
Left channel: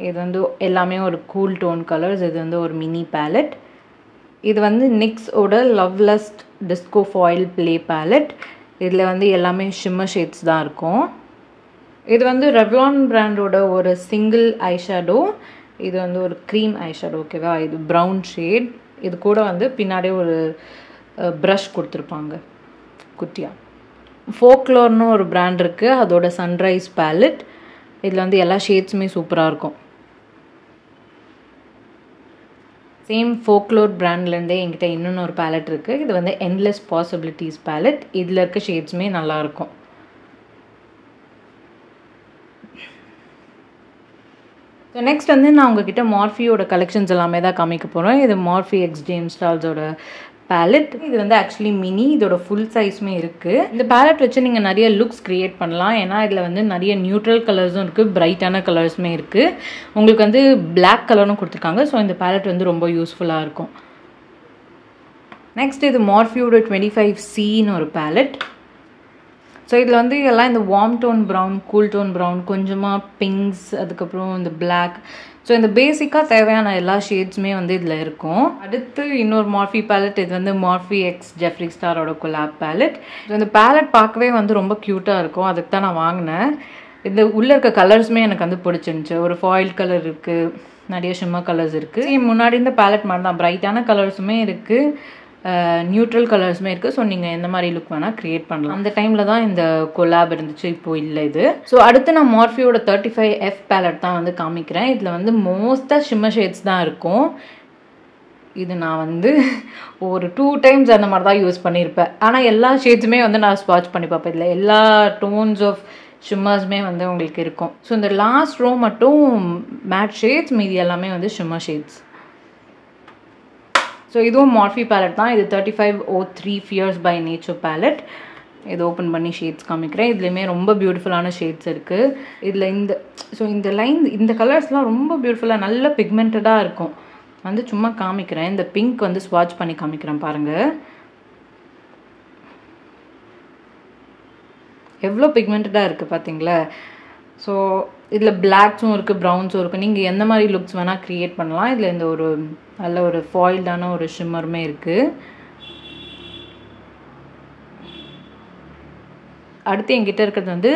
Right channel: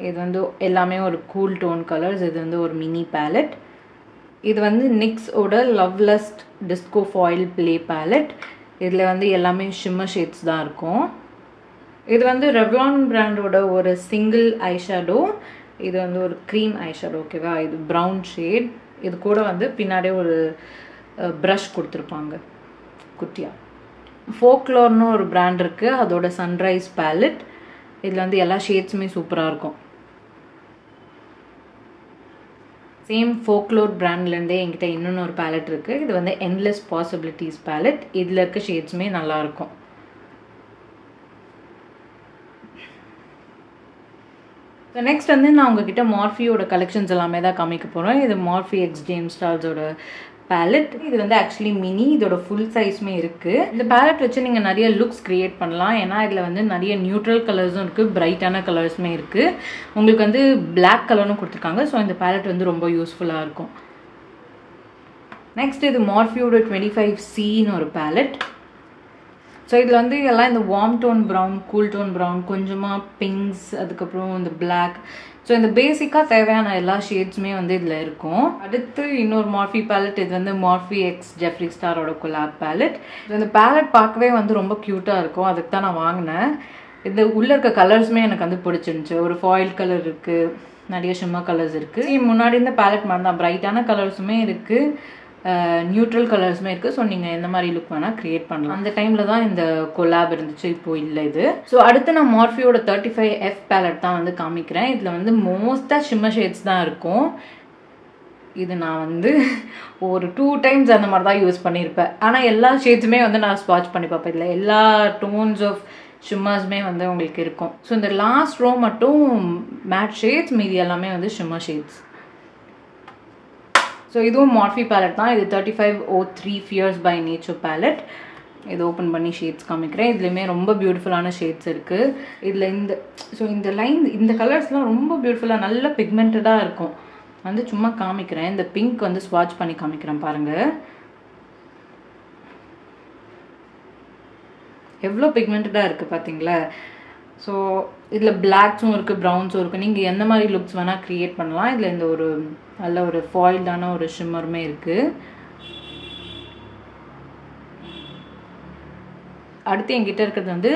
இது வந்து எல்லாமே ஒரு கூல் டோன் கலர்ஸ். இது வந்து ஒரு மினி பேலட். இது வந்து நிக்ஸோட love lust disco foil play palette. இதில் வந்து எல்லாமே ஷிம்மர் ஷேட்ஸ் தான் இருக்கும். இது வந்து ரெவ்லான் பிராண்டோட ஒரு சிங்கிள் ஐஷேடோ. இது வந்து ஒரு க்ரீம் ஐஷேடோ, ஓகேவா. இது ப்ரௌன் ஷேட். இது கூட வந்து பின்னாடியே ஒரு ப்ரஷ் கொடுத்துருப்பாங்க குட்டியாக. ஃபோக்லோர்னு ஒரு பிராண்ட் இருக்குது, அதோட சன்ரைஸ் பேலட். இதில் வந்து எல்லா ஷேட்ஸுமே சூப்பராக இருக்கும். சேம் ஃபோக்லோர் பிராண்ட்லேருந்தே என்கிட்ட இன்னொன்று ஒரு பேலட் இருக்குது. இது வந்து என்லெஸ் பாசிபிலிட்டிஸ் பேலட். இதில் இருக்க ஷேட்ஸுமே நல்லாயிருக்கும். ஸோ நெக்ஸ்ட் வந்து நான் உங்ககிட்ட மார்ஃபியோட கலெக்ஷன்ஸ் எல்லாமே தான் காமிக்க போகிறேன். இது மார்ஃபி எக்ஸ் ஜேம்ஸ் ஸ்டார்ஸோட பேலட். இது வந்து ஆக்சுவலி மினி, இதோட ஃபுல் சைஸுமே இருக்குது. இந்த பேலட் வச்சு நீங்கள் நிறைய லுக்ஸ் க்ரியேட் பண்ணலாம். ஏன்னா இதில் வந்து நிறைய நியூட்ரல் கலர்ஸும் இருக்குது, பிரைட்டான கலர்ஸுமே இருக்குது. உங்களுக்கு வந்து பிளாக் கலரும் கொடுத்துருக்காங்க. ஸோ இந்த பேலட் வந்து ரொம்ப யூஸ்ஃபுல்லாக இருக்கும். நெக்ஸ்ட் இது மார்ஃபியோட 25Cன்னு ஒரு பேலட். ஸோ இதில் வந்து எல்லாம் இந்த warm tone brown, cool tone brown, கொஞ்சமாக பிங்க்ஸ், அதுக்கப்புறம் இந்த பிளாக். ஸோ இந்த பேசிக்காக தேவையான எல்லா ஷேட்ஸுமே வந்து இதில் இருக்கும். அடுத்து இன்னொரு மார்ஃபி பேலட். இது வந்து மார்ஃபி எக்ஸ் ஜெஃப்ரி ஸ்டாரோட கொலாப் பேலட். ஸோ இந்த பேலட் பார்க்கவே வந்து ரொம்ப க்யூட்டாக இருக்கும். அதுக்கு தான் நான் வாங்கினேன். இந்த உள்ளே இருக்க கலர்ஸுமே எனக்கு வந்து பிடிச்சிருந்துச்சு. ஒரு ஃபாயில் கலர் இருக்குது, நிறைய ஷிம்மா கலர்ஸ் இருக்குது. முன்னாடி இந்த பேலட் மாதிரி தான் பிரைட்டான கலர்ஸுமே இருக்குது, நியூட்ரல் கலர்ஸுமே இருக்குது. ஸோ நீங்கள் எந்த மாதிரி லுக் வேணால் க்ரியேட் பண்ணலாம். அந்த டைமில் தான் இந்த கொலாப் இருந்துச்சு, இப்போது இல்லை இது. ஸோ அடுத்து நான் மார்ஃபியோட 35F பேலட் தான் வந்து காமிக்கிறேன். இதில் வந்து மோஸ்ட்டாக ஷிம்மர் ஷேட்ஸ் தான் இருக்கும். இது நான் வந்து ஒரு 2 times அந்த மாதிரி தான் யூஸ் பண்ணியிருப்பேன். ஆனால் எல்லா ஷேட்ஸுமே வந்து நான் ஸ்வாட்ச் பண்ணி பார்ப்பேன். இதில் எல்லா டோன்ஸ் ஆஃப் ஷிம்மர்ஸுமே வந்து உங்களுக்கு இருக்கும். ஸோ இந்த லாஸ்ட் ரோ மட்டும் மேட் ஷேட்ஸ், மீதி எல்லாமே வந்து ஷிம்மர் ஷேட்ஸ். ஸோ இதுவும் மார்ஃபி பேலட் தான். இது 3503 ஃபியர்ஸ் பை நேச்சர் பேலட். இது ஓப்பன் பண்ணி ஷேட்ஸ் காமிக்கிறேன். இதுலேயுமே ரொம்ப பியூட்டிஃபுல்லான ஷேட்ஸ் இருக்குது. இதில் இந்த லைன், இந்த கலர்ஸ்லாம் ரொம்ப பியூட்டிஃபுல்லாக நல்ல பிக்மெண்டடாக இருக்கும். வந்து சும்மா காமிக்கிறேன். இந்த பிங்க் வந்து ஸ்வாட்ச் பண்ணி காமிக்கிறேன் பாருங்கள். எவ்வளோ பிக்மெண்டடாக இருக்குது பார்த்தீங்களா? ஸோ இதில் பிளாக்ஸும் இருக்குது, ப்ரௌன்ஸும் இருக்குது. நீங்கள் எந்த மாதிரி லுக்ஸ் வேணால் க்ரியேட் பண்ணலாம். இதில் இந்த ஒரு நல்ல ஒரு ஃபாயில்டான ஒரு ஷிம்மருமே இருக்குது. அடுத்து என்கிட்ட இருக்கிறது வந்து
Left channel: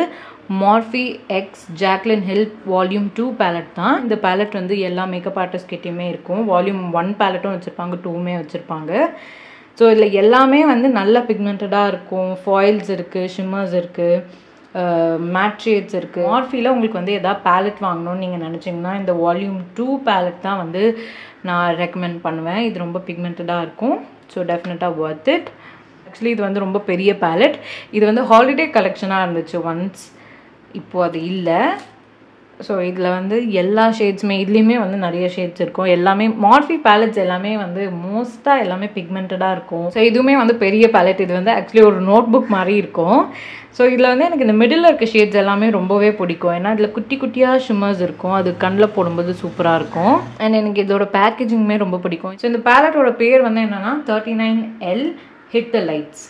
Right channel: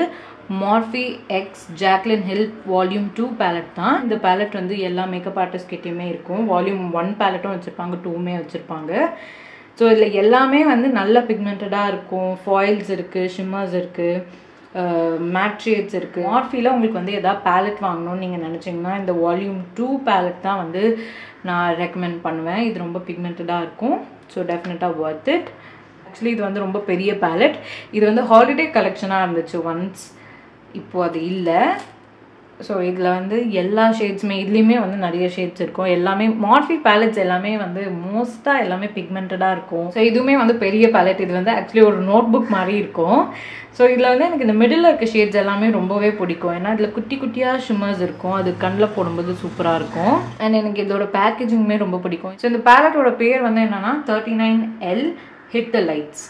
Morphe x Jaclyn Hill volume 2 palette தான். இந்த பேலட் வந்து எல்லா மேக்கப் ஆர்டிஸ்ட் கிட்டேயுமே இருக்கும். வால்யூம் 1 பேலட்டும் வச்சுருப்பாங்க, 2மே வச்சுருப்பாங்க. ஸோ இதில் எல்லாமே வந்து நல்ல பிக்மெண்டடாக இருக்கும். ஃபாயில்ஸ் இருக்குது, ஷிம்மர்ஸ் இருக்குது, மேட் ஷேட்ஸ் இருக்குது. மார்ஃபியில் உங்களுக்கு வந்து எதாவது பேலட் வாங்கணும்னு நீங்கள் நினச்சிங்கன்னா இந்த வால்யூம் 2 பேலட் தான் வந்து நான் ரெக்கமெண்ட் பண்ணுவேன். இது ரொம்ப பிக்மெண்டடாக இருக்கும். ஸோ டெஃபினட்டாக ஒர்த் இட். ஆக்சுவலி இது வந்து ரொம்ப பெரிய பேலட். இது வந்து ஹாலிடே கலெக்ஷனாக இருந்துச்சு ஒன்ஸ், இப்போது அது இல்லை. ஸோ இதில் வந்து எல்லா ஷேட்ஸுமே, இதுலேயுமே வந்து நிறைய ஷேட்ஸ் இருக்கும். எல்லாமே மார்ஃபி பேலட்ஸ் எல்லாமே வந்து மோஸ்ட்டாக எல்லாமே பிக்மெண்டடாக இருக்கும். ஸோ இதுவுமே வந்து பெரிய பேலட். இது வந்து ஆக்சுவலி ஒரு நோட் புக் மாதிரி இருக்கும். ஸோ இதில் வந்து எனக்கு இந்த மிடில் இருக்க ஷேட்ஸ் எல்லாமே ரொம்பவே பிடிக்கும். ஏன்னா இதில் குட்டி குட்டியாக ஷிம்மர்ஸ் இருக்கும். அது கண்ணில் போடும்போது சூப்பராக இருக்கும். அண்ட் எனக்கு இதோட பேக்கேஜிங்குமே ரொம்ப பிடிக்கும். ஸோ இந்த பேலட்டோட பேர் வந்து என்னென்னா 39L ஹிட் த லைட்ஸ்.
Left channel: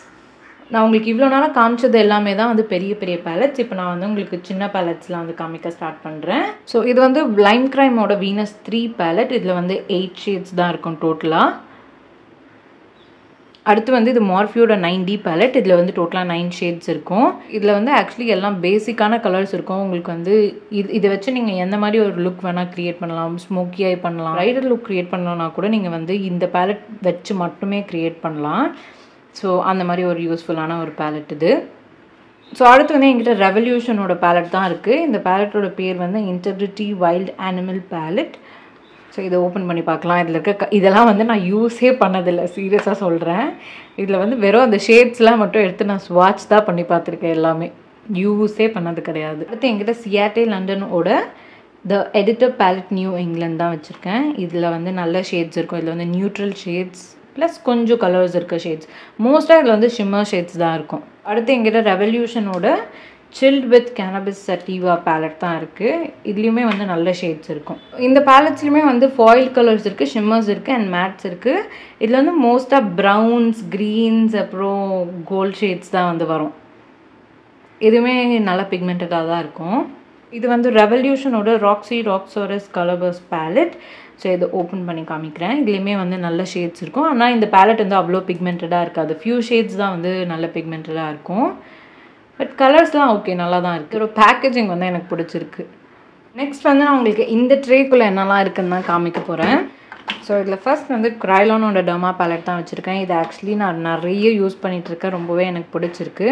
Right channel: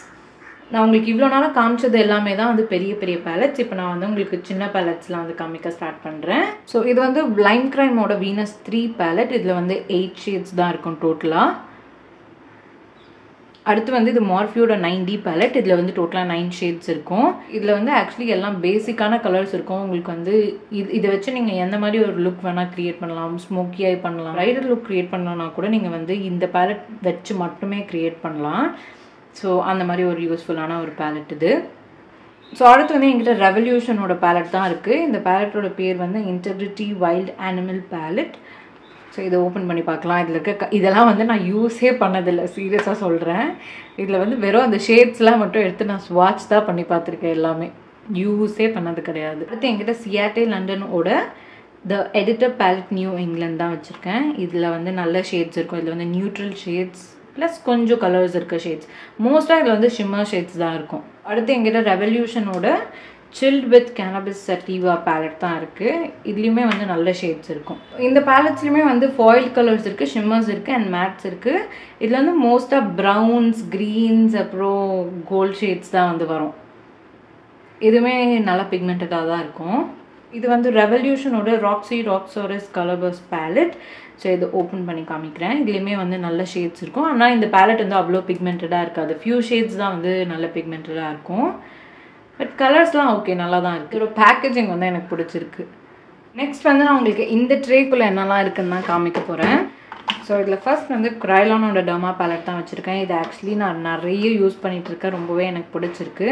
நான் உங்களுக்கு இவ்வளோ நாளாக காமிச்சது எல்லாமே தான் வந்து பெரிய பெரிய பேலட்ஸ். இப்போ நான் வந்து உங்களுக்கு சின்ன பேலட்ஸ்லாம் வந்து காமிக்க ஸ்டார்ட் பண்ணுறேன். ஸோ இது வந்து லைம் கிரைமோட வீனஸ் 3 பேலட். இதில் வந்து 8 ஷேட்ஸ் தான் இருக்கும் டோட்டலாக. அடுத்து வந்து இது மார்ஃபியோட 9D பேலட். இதில் வந்து டோட்டலாக 9 ஷேட்ஸ் இருக்கும். இதில் வந்து ஆக்சுவலி எல்லாம் பேசிக்கான கலர்ஸ் இருக்கும். உங்களுக்கு வந்து இதை வச்சு நீங்கள் எந்த மாதிரி ஒரு லுக் வேணால் க்ரியேட் பண்ணலாம். ஸ்மோக்கி ஐ பண்ணலாம், ரைடர் லுக் க்ரியேட் பண்ணணும்னா கூட நீங்கள் வந்து இந்த பேலட் வச்சு மட்டுமே க்ரியேட் பண்ணலாம். ஸோ அந்த மாதிரி ஒரு யூஸ்ஃபுல்லான ஒரு பேலட் இது. ஸோ அடுத்து வந்து என்கிட்ட ரெவல்யூஷனோட பேலட் தான் இருக்குது. இந்த பேலட்டோட பேர் வந்து integrity wild animal palette. So இதை ஓப்பன் பண்ணி பார்க்கலாம். இதில் இருக்க இதெல்லாம் வந்து நான் யூஸே பண்ணதில்லை, சீரியஸாக சொல்கிறேன். இதில் வந்து வெறும் அந்த ஷேட்ஸ்லாம் மட்டும் எடுத்து நான் ஸ்வாட்ச் தான் பண்ணி பார்த்துருக்கேன். எல்லாமே யூஸே பண்ணது கிடையாது. அடுத்து என்கிட்ட சியாட்டே லண்டனோட the editor palette New England தான் வச்சுருக்கேன். இதில் வந்து நல்ல ஷேட்ஸ் இருக்கும். இதில் வந்து நியூட்ரல் ஷேட்ஸ் ப்ளஸ் கொஞ்சம் கலர்ஸ் இருக்க ஷேட்ஸ். மோஸ்ட்டாக இதில் வந்து ஷிம்மர் ஷேட்ஸ் தான் இருக்கும். அடுத்து எங்கிட்ட ரெவல்யூஷனோட chilled with cannabis sativa palette தான் இருக்குது. இதுலேயுமே வந்து நல்ல ஷேட்ஸ் இருக்கும். இந்த பேலட்ஸ்லையுமே வந்து ஃபாயில் கலர்ஸ் இருக்குது, ஷிம்மர்ஸ் இருக்குது அண்ட் மேட்ஸ் இருக்குது. இதில் வந்து மோஸ்ட்டாக ப்ரௌன்ஸ், க்ரீன்ஸ், அப்புறம் கோல்ட் ஷேட்ஸ் தான் வந்து வரும். இதுவுமே நல்ல பிக்மெண்டடாக தான் இருக்கும். இது வந்து ரெவல்யூஷனோட ராக்ஸி ராக்ஸோரஸ் கலர்பர்ஸ் பேலட். ஸோ இதை ஓப்பன் பண்ணி காமிக்கிறேன். இதுலேயுமே வந்து நல்ல ஷேட்ஸ் இருக்கும். ஆனால் இந்த பேலட் வந்து அவ்வளோ பிக்மெண்டடாக இருக்காது. ஃபியூ ஷேட்ஸ் தான் வந்து நல்ல பிக்மெண்டடாக இருக்கும். பட் கலர்ஸ்லாம் ஓகே, நல்லா தான் இருக்குது. ஒரு பேக்கேஜிங் வந்து எனக்கு பிடிச்சிருக்கு. நெக்ஸ்ட் வந்து நான் உங்களுக்கு இந்த ட்ரேக்குள்ளே என்னெல்லாம் இருக்குன்னு தான் காமிக்க போகிறேன். ஸோ ஸோ இதில் ஃபர்ஸ்ட் வந்து க்ரைலானோட டர்மா பேலட் தான் வச்சுருக்கேன். இது ஆக்சுவலி நான் நிறைய யூஸ் பண்ணிகிட்ருக்கேன், ரொம்பவே எனக்கு பிடிச்சிருக்கு.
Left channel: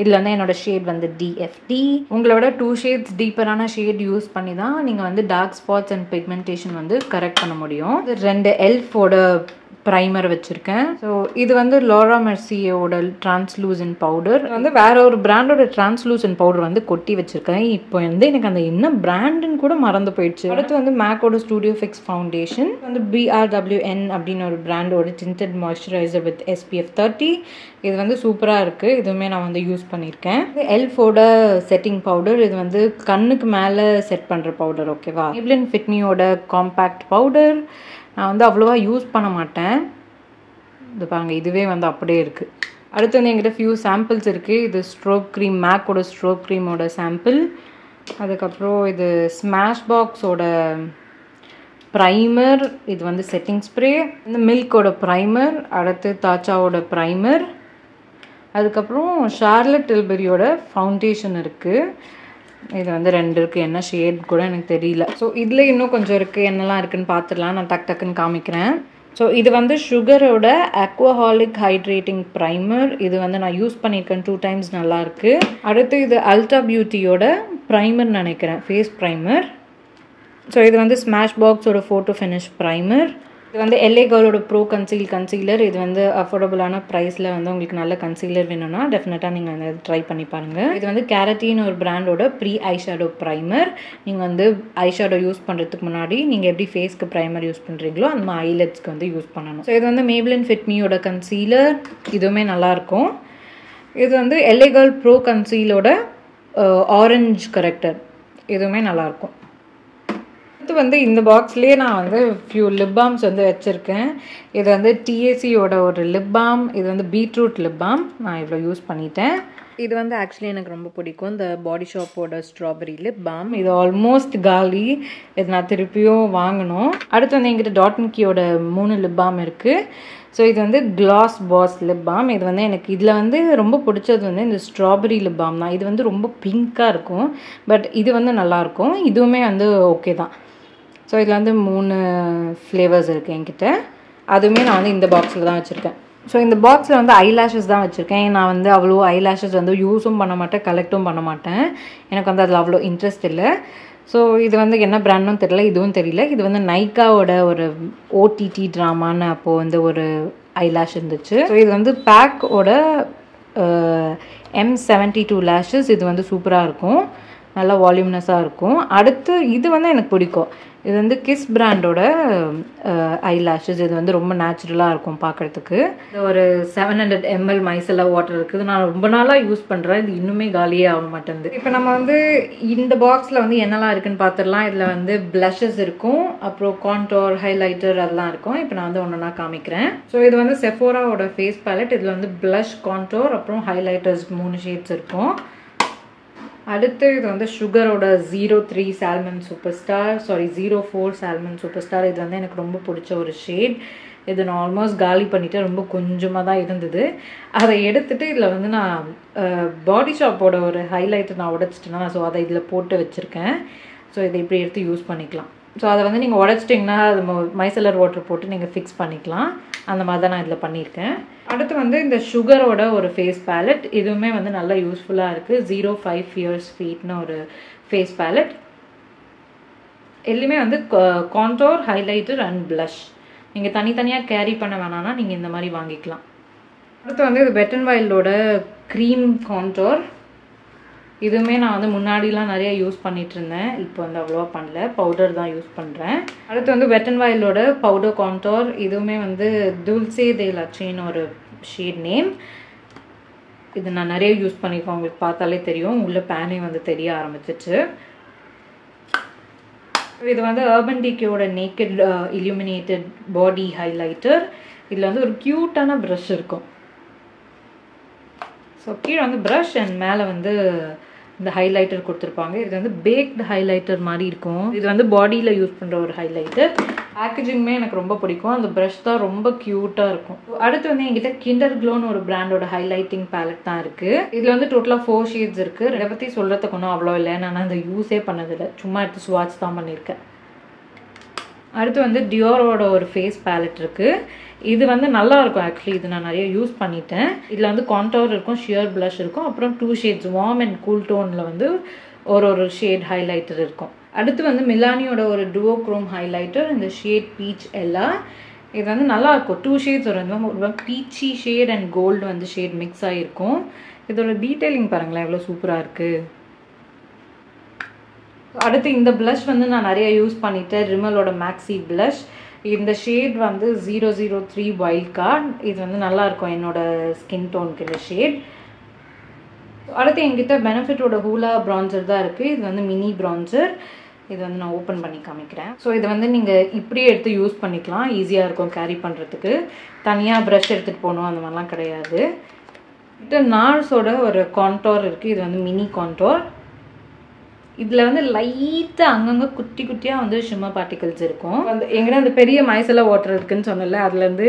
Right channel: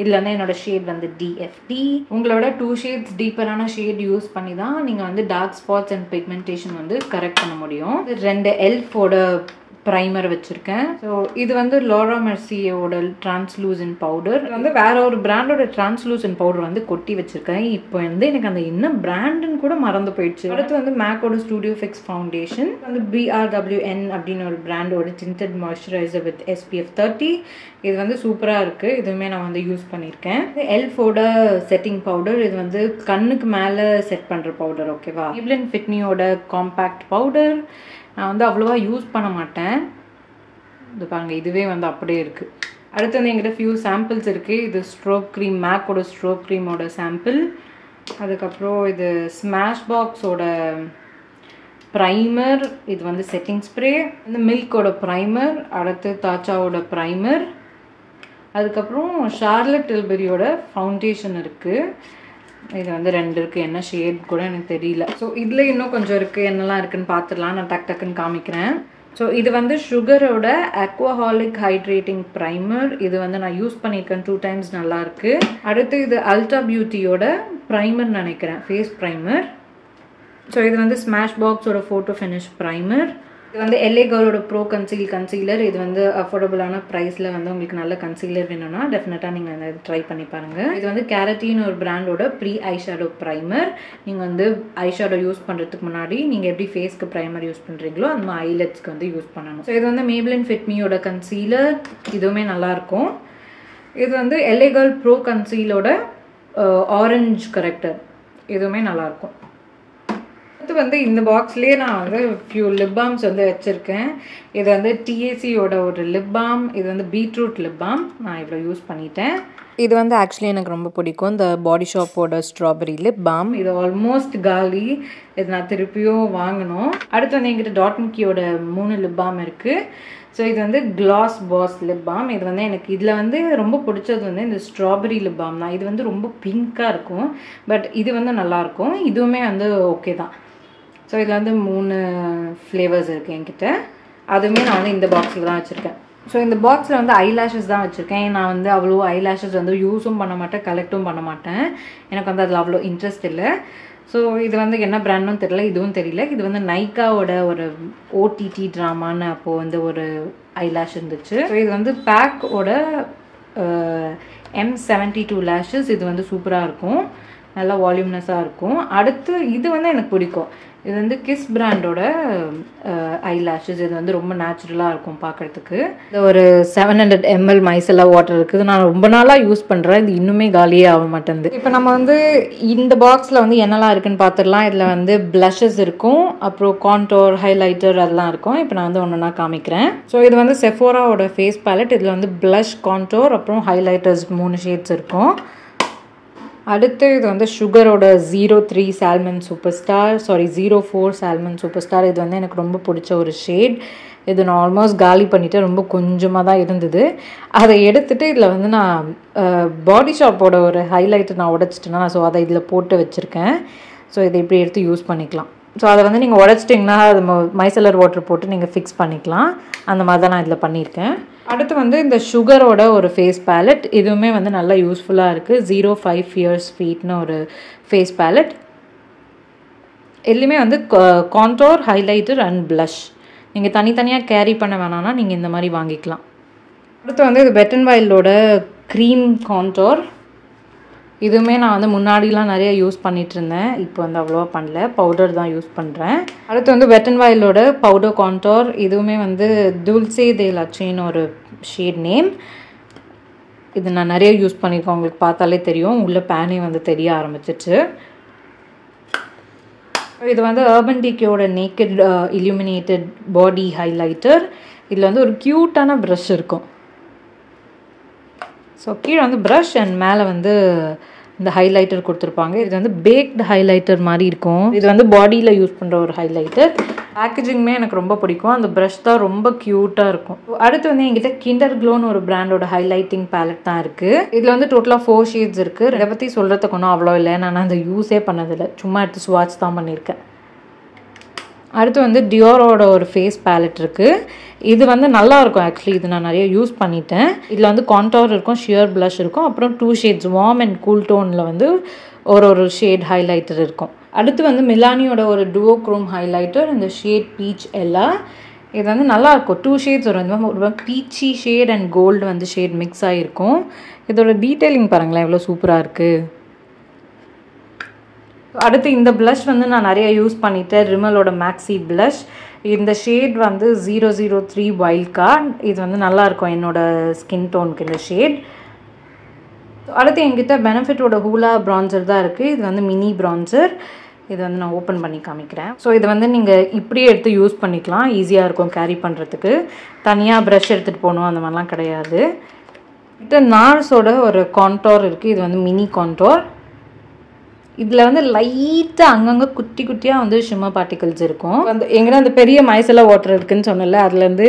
இதில் வந்து என்னோடய ஷேட் வந்து DFT. உங்களோட 2 ஷேட்ஸ் டீப்பரான ஷேட் யூஸ் பண்ணி தான் நீங்கள் வந்து டார்க் ஸ்பாட்ஸ் அண்ட் பிக்மெண்டேஷன் வந்து கரெக்ட் பண்ண முடியும். 2 எல்ஃபோட ப்ரைமர் வச்சுருக்கேன். ஸோ இது வந்து லாரா மெர்சியோட டிரான்ஸ்லூசன்ட் பவுடர். வந்து வேற ஒரு பிராண்டோட டிரான்ஸ்லூசன்ட் பவுடர் வந்து கொட்டி வச்சுருக்கேன். இப்போ வந்து எனக்கு அந்த என்ன பிராண்டுன்னு கூட மறந்து போயிடுச்சு. அடுத்து வந்து மேக்கோட ஸ்டூடியோ ஃபிக்ஸ் ஃபவுண்டேஷன் வந்து BRWN அப்படின்னு ஒரு பிராண்டோட டிண்டட் மாய்ஸ்சரைசர் வித் SPF 30. இது வந்து சூப்பராக இருக்குது. இதுவுமே நான் வந்து யூஸ் பண்ணியிருக்கேன். எல்ஃபோட செட்டிங் பவுடர். இது வந்து கண்ணுக்கு மேலே செட் பண்ணுற பவுடர். ஓகேவா. Maybelline Fit Meயோட காம்பேக்ட் பவுடர். நான் வந்து அவ்வளோவா யூஸ் பண்ண மாட்டேன். இது பாருங்க, இதுவே வந்து அப்படியே இருக்குது. அடுத்து வந்து எங்கிட்ட ஃபியூ சாம்பிள்ஸ் இருக்குது. இது ஸ்ட்ரோக் க்ரீம், மேக்கோட ஸ்ட்ரோக் க்ரீமோட சாம்பிள். அதுக்கப்புறம் இது ஸ்மாஷ் பாக்ஸோட ப்ரைமர். இது வந்து செட்டிங் ஸ்ப்ரே. இந்த மில்கோட ப்ரைமர். அடுத்து தாச்சாவோட ப்ரைமர். அதுக்கப்புறம் ஷார்லட் டில்பரியோட ஃபவுண்டேஷன் இருக்குது. இது வந்து 2 இருக்குது. என்ன ஷேட் கூட எனக்கு தெரியல. ஸோ இதில் இன்னும் கொஞ்சம் இருக்குது. என்னெல்லாம் இருக்குதுன்னு பார்த்துடலாம். நான் டக்குன்னு காமிக்கிறேன். ஸோ இது வந்து சுகரோட அக்வாஹாலிக் ஹைட்ரேட்டிங் ப்ரைமர். இது வந்து நான் யூஸ் பண்ணியிருக்கேன் 2 times, நல்லாயிருக்கு. அடுத்து இது அல்ட்ரா பியூட்டியோட ப்ரைமர் நினைக்கிறேன், ஃபேஸ் ப்ரைமர். ஸோ இது வந்து ஸ்மாஷ் பாக்ஸோட ஃபோட்டோ ஃபினிஷ் ப்ரைமர். இது வந்து LA Girlோட ப்ரோ கன்சீலர். இது வந்து அஃபோர்டபுளான ப்ரைஸில் வந்து உங்களுக்கு நல்ல கன்சீலர் வேணும்னா டெஃபினட்டாக நீங்கள் அதை ட்ரை பண்ணி பாருங்கள். இது வந்து கேரட்டின்னு ஒரு பிராண்டோட ப்ரீ ஐஷேடோ ப்ரைமர். நீங்கள் வந்து ஐஷேடோ யூஸ் பண்ணுறதுக்கு முன்னாடி நீங்கள் எப்படி ஃபேஸ்க்கு ப்ரைமர் யூஸ் பண்ணுறீங்களோ அந்த மாதிரி ஐலெட்ஸ்க்கு வந்து யூஸ் பண்ணணும். ஸோ இது வந்து Maybelline Fit Meயோட கன்சீலர். இதுவுமே நல்லாயிருக்கும். இது வந்து LA Girl ப்ரோ கன்சீலோட ஆரஞ்ச் கரெக்டர். இதுவுமே நல்லாயிருக்கும். அடுத்து வந்து இந்த பாக்ஸ்லேயே நான் வந்து ஃபியூ லிப் பாம்ஸ் வந்து வச்சுருக்கேன். இது வந்து TACயோட ஒரு லிப் பாம். இது வந்து பீட்ரூட் லிப் பாம். நான் இவ்வளோ யூஸ் பண்ணிட்டேன். இது வந்து ஆக்சுவலி எனக்கு ரொம்ப பிடிக்கும். இந்த பாடி ஷாப்போட ஸ்ட்ராபெரி லிப் பாம். இது ஆல்மோஸ்ட் காலி. இது நான் திருப்பியும் வாங்கணும். அடுத்து வந்து எங்கிட்ட டாட்மிக்கியோட 3 லிப் பாம் இருக்குது. ஸோ இது வந்து கிளாஸ் பாஸ் லிப் பாம். இது வந்து எனக்கு இதில் வந்து ரொம்ப பிடிச்சது வந்து இந்த ஸ்ட்ராபெரி லிப் பாம் தான். இது வந்து ரொம்ப பிங்க்காக இருக்கும். பட் இது வந்து நல்லாயிருக்கும். இதுவுமே வந்து ஓகே தான். ஸோ இதில் வந்து 3 ஃப்ளேவர்ஸ் இருக்குது என்கிட்ட. அதுவுமே நான் வந்து இந்த பாக்ஸில் தான் வச்சுருக்கேன். ஸோ இந்த பாக்ஸில் வந்து ஐலாஷஸ் தான் வச்சுருக்கேன். நான் வந்து அவ்வளோ ஐலாஷஸ் வந்து யூஸும் பண்ண மாட்டேன், கலெக்டும் பண்ண மாட்டேன். எனக்கு வந்து அதில் அவ்வளோ இன்ட்ரெஸ்ட் இல்லை. ஸோ இது வந்து என்ன பிராண்டும் தெரியல, இதுவும் தெரியல. இது வந்து நைக்காவோட ஒரு OTT ட்ராமான்னு அப்போது வந்து ஒரு ஐலாஷ் இருந்துச்சு. ஸோ இது வந்து பேக்கோட M72 லேஷஸ். இது வந்து சூப்பராக இருக்கும், நல்லா வால்யூம்னஸாக இருக்கும். அடுத்து இது வந்து எனக்கு பிடிக்கும். இது வந்து கிஸ் பிராண்டோட ஐலாஷஸ். இது வந்து ரொம்ப நேச்சுரலாக இருக்கும் பார்க்குறதுக்கு. இது ஒரு 700 ml மைசெல்லா வாட்டர் இருக்குது. நான் ரொம்ப நாளாக யூஸ் பண்ணுறேன். இது இன்னுமே காலியே ஆக மாட்டேங்குது. இப்போ நம்ம வந்து இந்த பாக்ஸில் வந்து என்னெல்லாம் இருக்குதுன்னு பார்த்துடலாம். இதில் வந்து ப்ளஷஸ் இருக்கும், அப்புறம் கான்டோர், ஹைலைட்டர் அதெல்லாம் இருக்கும். இப்போ நான் வந்து ஒன்றா காமிக்கிறேன். ஸோ இது வந்து செஃபோராவோட ஃபேஸ் பேலட். இதில் வந்து ப்ளஷ், கான்டோர், அப்புறம் ஹைலைட்டர்ஸ் 3 ஷேட்ஸ் இருக்கும். அடுத்து இது வந்து சுகரோட 03 salmon super star, 04 salmon super star. இது வந்து எனக்கு ரொம்ப பிடிச்ச ஒரு ஷேட். இது நான் ஆல்மோஸ்ட் காலி பண்ணிவிட்டு ரொம்ப கொஞ்சமாக தான் இருந்தது. அதை எடுத்துகிட்டு இதில் வந்து நான் பாடி ஷாப்போட ஒரு ஹைலைட்டர் நான் உடச்சிட்டேன்னா, ஸோ அதை இதில் போட்டு வச்சுருக்கேன். ஸோ இதை இப்படி எடுத்து யூஸ் பண்ணிக்கலாம். ஸோ அதை வந்து நீங்கள் உடச்சிட்டிங்கன்னா அது மைசெல்லர் வாட்டர் போட்டு நீங்கள் ஃபிக்ஸ் பண்ணிக்கலாம். அந்த மாதிரி தான் நான் இதில் பண்ணியிருக்கேன். அடுத்து வந்து இந்த சுகரோட ஒரு ஃபேஸ் பேலட். இதுவுமே வந்து நல்லா யூஸ்ஃபுல்லாக இருக்குது. 05 Fierce Feetன்னு ஒரு ஃபேஸ் பேலட். எல்லாமே வந்து கான்டோர், ஹைலைட்டர் அண்ட் ப்ளஷ். நீங்கள் தனித்தனியாக கேரி பண்ண வேணாம்னா நீங்கள் இந்த மாதிரி வாங்கிக்கலாம். அடுத்து வந்து இது வெட் அண்ட் வைல்டோட க்ரீம் கான்டோர். இதுவுமே நான் வந்து முன்னாடிலாம் நிறைய யூஸ் பண்ணிகிட்டு இருந்தேன். இப்போ வந்து அவ்வளோவா பண்ணல, பவுடர் தான் யூஸ் பண்ணுறேன். அடுத்து வந்து வெட் அண்ட் வைல்டோட பவுடர் கான்டோர். இதுவுமே வந்து துல்சே தே லச்சேன்னு ஒரு ஷேட் நேம். இது நான் நிறைய யூஸ் பண்ணியிருக்கேன். உங்களுக்கு பார்த்தாலே தெரியும், உள்ள பேனே வந்து தெரிய ஆரம்பிச்சிச்சு. இது வந்து அர்பன் டிகேயோட நேக்கட் இல்லுமினேட்டட் பாடி ஹைலைட்டர். இதில் வந்து ஒரு க்யூட்டான ப்ரஷ் இருக்கும். ஸோ கீழே வந்து ப்ரஷ் அண்ட் மேலே வந்து இந்த ஹைலைட்டர் கொடுத்துருப்பாங்க. இது வந்து பேக்டு ஹைலைட்டர் மாதிரி இருக்கும். இது வந்து பாடியில் யூஸ் பண்ணுற ஒரு ஹைலைட்டர். பேக்கேஜிங்குமே எனக்கு ரொம்ப பிடிக்கும். அந்த ப்ரஷ் தான் ரொம்ப க்யூட்டாக இருக்கும். அடுத்து வந்து என்கிட்ட கிண்டர் க்ளோன்னு ஒரு பிராண்டோட ஹைலைட்டிங் பேலட் தான் இருக்குது. இதில் வந்து டோட்டலாக 4 ஷேட்ஸ் இருக்குது. இதை பற்றி சொல்கிறதுக்கு ஒன்றும் அவ்வளோ இல்லை, நான் அந்த யூஸே பண்ணதில்லை, சும்மா எடுத்து ஸ்வாட்ச் தான் பண்ணியிருக்கேன். அடுத்து வந்து டியோரோட ஒரு ஃபேஸ் பேலட் இருக்குது. இது வந்து நல்லாயிருக்கும் ஆக்சுவலி. இது நான் நிறைய யூஸ் பண்ணிட்டேன். இதில் வந்து கான்டோர் இருக்கும், ஷியர் ப்ளஷ் இருக்கும், அப்புறம் 2 ஷேட்ஸ் வார்ம் அண்ட் கூல் டோனில் வந்து ஒரு ஷேட் ஹைலைட்டர் இருக்கும். அடுத்து வந்து மிலானியோட ஒரு டுவோ க்ரோம் ஹைலைட்டர், இந்த ஷேட் பீச் எல்லாம். இது வந்து நல்லாயிருக்கும். 2 ஷேட்ஸ் வரும். ஒரு பீச்சி ஷேட் அண்ட் கோல்டு வந்து ஷேட் மிக்ஸ் ஆகிருக்கும். இதோட டீட்டெயிலிங் பாருங்களேன் எவ்வளோ சூப்பராக இருக்குது. அடுத்து இந்த ப்ளஷ் வந்து நான் நிறைய யூஸ் பண்ணிட்டேன். ரிமலோட மேக்ஸி ப்ளஷ். இந்த ஷேட் வந்து 003 வைல்ட் கார்ட். இது வந்து நல்லாயிருக்கும் என்னோடய ஸ்கின் டோனுக்கு இந்த ஷேட். அடுத்து என்கிட்ட பெனிஃபிட்டோட ஹூலா ப்ரான்சர் தான் இருக்குது. இது வந்து மினி ப்ரான்சர். இது வந்து நான் ஓப்பன் பண்ணி காமிக்கிறேன். ஸோ இது வந்து நீங்கள் இப்படியே எடுத்து யூஸ் பண்ணிக்கலாம். ஈஸியாக இருக்கும் கேரி பண்ணுறதுக்கு. தனியாக ப்ரஷ் எடுத்துகிட்டு போகணும் அந்த மாதிரிலாம் கிடையாது. இது நார்ஸோட ஒரு கான்டோர் இருக்குது. இது வந்து மினி கான்டோர். இதில் வந்து லைட்டாக அங்கங்கே குட்டி குட்டியாக வந்து ஷிம்மர் பார்ட்டிகல்ஸ் இருக்கும். அந்த எங்கன்னா அந்த பெரிய மைசெல்லா வாட்டர் இருக்குதுன்னு சொன்னல, அதுலேருந்து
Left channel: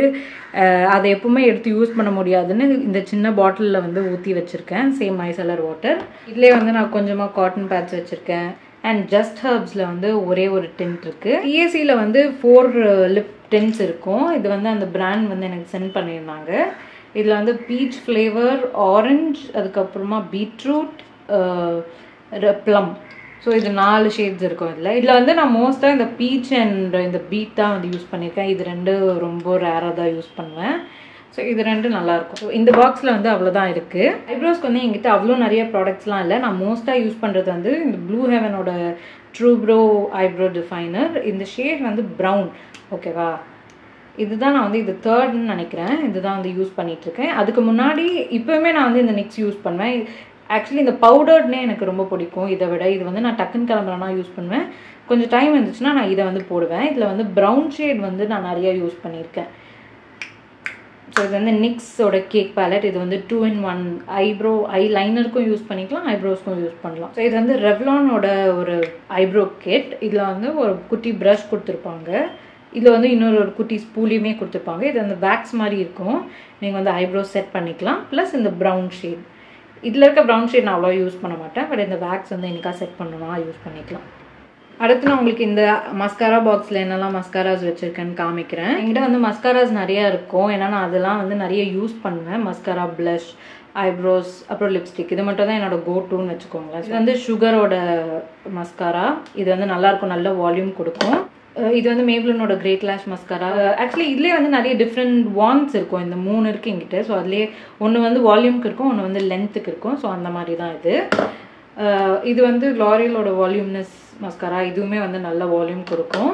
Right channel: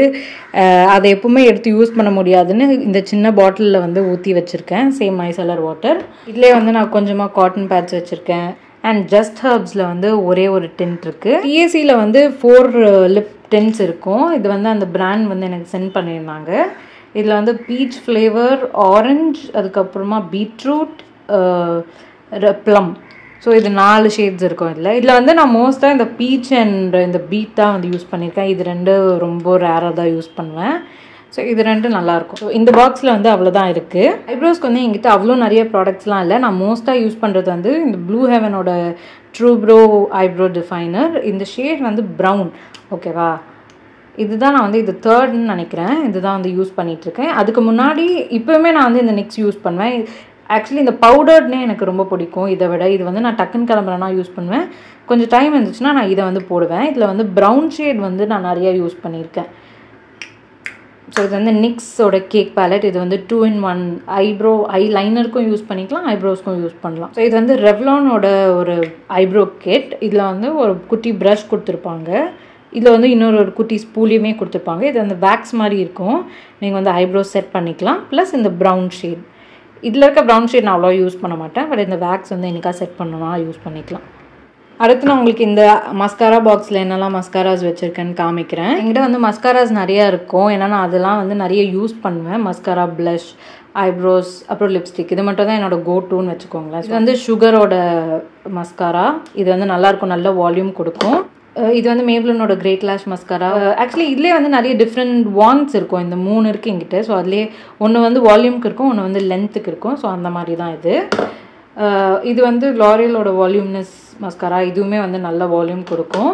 அதை எப்பவுமே எடுத்து யூஸ் பண்ண முடியாதுன்னு இந்த சின்ன பாட்டிலில் வந்து ஊற்றி வச்சுருக்கேன். Same micellar water. இதிலே வந்து நான் கொஞ்சமாக காட்டன் பேட்ச் வச்சுருக்கேன். அண்ட் ஜஸ்ட் ஹர்ப்ஸில் வந்து ஒரே ஒரு டின்ட் இருக்குது. டிஏசியில் வந்து 4 லிப் டின்ட்ஸ் இருக்கும். இது வந்து அந்த பிராண்ட் வந்து எனக்கு சென்ட் பண்ணியிருந்தாங்க. இதில் வந்து பீச் ஃப்ளேவர், ஆரஞ்சு, அதுக்கப்புறமா பீட்ரூட், ப்ளம். ஸோ இது 4 ஷேட்ஸ் இருக்கும் இதில் வந்து நான் மோஸ்ட்டாக இந்த பீச் அண்ட் இந்த பீட் தான் வந்து யூஸ் பண்ணியிருக்கேன். இது 2 ரொம்ப ரேராக தான் யூஸ் பண்ணுவேன். ஸோ இது 2 நல்லாயிருக்கும். ஸோ இந்த பாக்ஸில் வந்து அவ்வளோதான் இருக்குது. ஐப்ரோஸ்க்கு வந்து எங்கிட்ட அவ்வளோ நிறைய ப்ராடக்ட்ஸ்லாம் இல்லை. நான் மோஸ்ட்டாக யூஸ் பண்ணுறது வந்து இந்த ப்ளூ ஹெவனோட ட்ரூப்ரோ ஐப்ரோ டிஃபைனர். இந்த ஷேட் வந்து ப்ரௌன். ஓகேவா? இதுதான் நான் வந்து இது 3ர்டுன்னு நினைக்கிறேன். இதுதான் வந்து யூஸ் பண்ணிகிட்ருக்கேன். அதுக்கு முன்னாடி இப்போவுமே நான் வந்து இந்த நெக்ஸ்ட் யூஸ் பண்ணுவேன். ஆக்சுவலி இந்த பவுடர்னே எனக்கு ரொம்ப பிடிக்கும். இதை விட இது வந்து நான் டக்குன்னு கிளம்புறேன்னா யூஸ் பண்ணுவேன். கொஞ்சம் டைம் இருந்துச்சுன்னா நான் இதை வந்து போடுவேன். இதில் வந்து ப்ரௌன் ஷேட் வந்து நான் நிறைய யூஸ் பண்ணியிருக்கேன். ஸோ இது வந்து நிக்ஸோட கேக் பேலட். இது வந்து 2-in-1 ஐ லைனருக்கும் யூஸ் பண்ணிக்கலாம், ஐப்ரோஸ்க்கும் யூஸ் பண்ணலாம். ஸோ இது வந்து ரெவ்லானோட ஒரு ஐப்ரோ கிட். இதில் வந்து ஒரு குட்டி ப்ரஷ் கொடுத்துருப்பாங்க. இதில் வந்து இன்னொரு குட்டி ஸ்பூலியுமே கொடுத்துருப்பாங்க. இது வந்து வேக்ஸ் மாதிரி இருக்கும். நீங்கள் வந்து ஐப்ரோஸ் செட் பண்ணிக்கலாம். ப்ளஸ் இந்த ப்ரௌன் ஷேட். இதில் இருக்க ப்ரௌன் ஷேட் நான் அவ்வளோ யூஸ் பண்ண மாட்டேன். பட் இந்த வேக்ஸ் வந்து எனக்காக செட் பண்ணலாம், யூஸ் பண்ணிக்கலாம். அடுத்து நான் உங்களுக்கு இந்த மஸ்காரா பாக்ஸில் என்னெல்லாம் மஸ்காராஸ் வச்சுருக்கேன்னு காமிக்கிறேன். என்கிட்ட வந்து மஸ்காராஸ் நிறையா இருக்கும். ஏன்னா நான் அதெல்லாம் வந்து நிறைய யூஸ் பண்ணுவேன். மஸ்காரா, ப்ளஷ், ஐப்ரோஸ், அப்புறம் லிப்ஸ்டிக். இது மட்டும் தான் என்னோட கோ டூன்னு வச்சுக்கோங்களேன். இது வந்து சுகரோட மஸ்காரா. இது வந்து நல்லாயிருக்கும், நல்ல வால்யூம் கொடுக்கும். இது வந்து மேப்லினோட கிரேட் லாஷ் மஸ்காரா. ஆக்சுவலி இதுலேயே வந்து நிறைய டிஃப்ரெண்ட் வான்ஸ் இருக்கும். இந்த 3 இருக்குது என்கிட்ட. ஸோ அதுலேயே ஒன்று வந்து வால்யூமுக்கு இருக்கும், ஒன்று வந்து லென்த்துக்கு இருக்கும். ஸோ அந்த மாதிரி தான் இது. இது வந்து லாரியலோட வால்யூம்னஸ் மஸ்காரா. இதுவுமே வந்து நல்ல வால்யூம் கொடுக்கும்.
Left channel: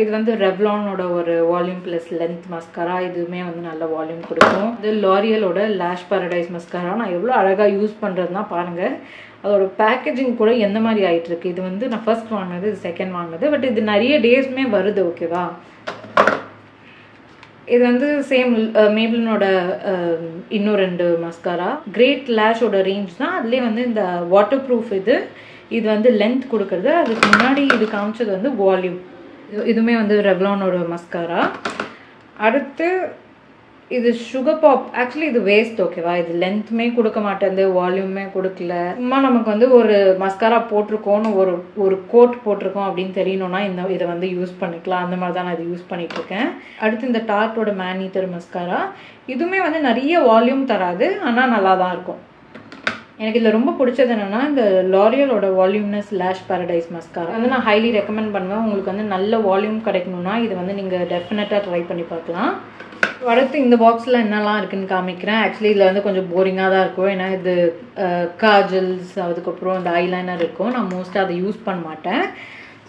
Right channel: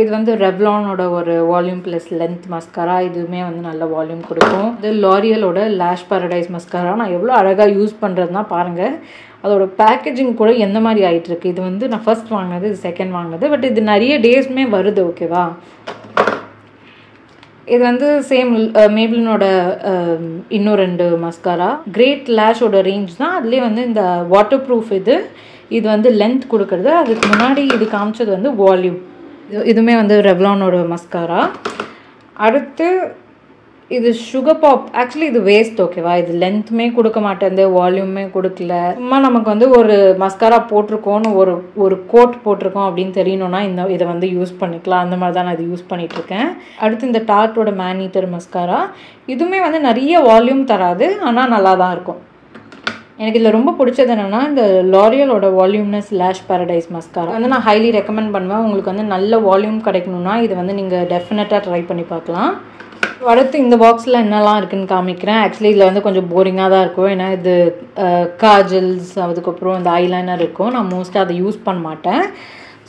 இது வந்து ரெவ்லானோட ஒரு வால்யூம் ப்ளஸ் லென்த் மஸ்காரா. இதுவுமே வந்து நல்ல வால்யூம் கொடுக்கும். இது லாரியலோட லேஷ் பாரடைஸ் மஸ்காரா. நான் எவ்வளோ அழகாக யூஸ் பண்ணுறதுனா பாருங்கள். அதோட பேக்கேஜிங் கூட எந்த மாதிரி ஆகிட்டுருக்கு. இது வந்து நான் ஃபர்ஸ்ட் வாங்கினது, இது செகண்ட் வாங்கினது. பட் இது நிறைய டேஸ்மே வருது. ஓகேவா? இது வந்து சேம் மேப்லினோட இன்னும் 2 மஸ்காரா. கிரேட் லேஷோட ரேஞ்ச் தான். அதுலேயே வந்து இந்த வாட்டர் ப்ரூஃப் இது வந்து லென்த் கொடுக்குறது. அதுக்கு முன்னாடி இது காமிச்சது வந்து வால்யூம். இதுவுமே வந்து ரெவ்லானோட மஸ்காரா. அடுத்து இது சுகர் பாப். ஆக்சுவலி இது வேஸ்ட். ஓகேவா? இது லென்த்துமே கொடுக்க மாட்டேன், வால்யூமே கொடுக்கல. சும்மா நமக்கு வந்து ஒரு மஸ்காரா போட்டிருக்கோன்னு ஒரு கோட் போட்டிருக்கோம் அப்படின்னு தெரியணும்னா இதை வந்து யூஸ் பண்ணிக்கலாம். அந்த மாதிரி தான் நான் இது யூஸ் பண்ணிகிட்ருக்கேன். அடுத்து இந்த டார்ட்டோட மேனீட்டர் மஸ்காரா. இதுவுமே வந்து நிறைய வால்யூம் தராது, ஆனால் நல்லா தான் இருக்கும். எனக்கு இதில் ரொம்ப பிடிச்சது என்னென்னா இந்த லாரியலோட வால்யூம்னஸ் லேஷ் பாரடைஸ் மஸ்காரா வந்து நான் ஹைலி ரெக்கமெண்ட் பண்ணுவேன். உங்களுக்கு வந்து நல்ல வால்யூம் கிடைக்கணும்னா இது வந்து நீங்கள் டெஃபினட்டாக ட்ரை பண்ணி பார்க்கலாம். அடுத்து இந்த பாக்ஸில் என்னெல்லாம் இருக்குதுன்னு காமிக்கிறேன். ஆக்சுவலி இதில் வந்து கொஞ்சம் போரிங்காக தான் இருக்கும். ஏன்னா இது காஜல்ஸ், அதுக்கப்புறம் இந்த ஐலைனர் இருக்கும். நான் மோஸ்ட்டாக அதை யூஸ் பண்ண மாட்டேன்.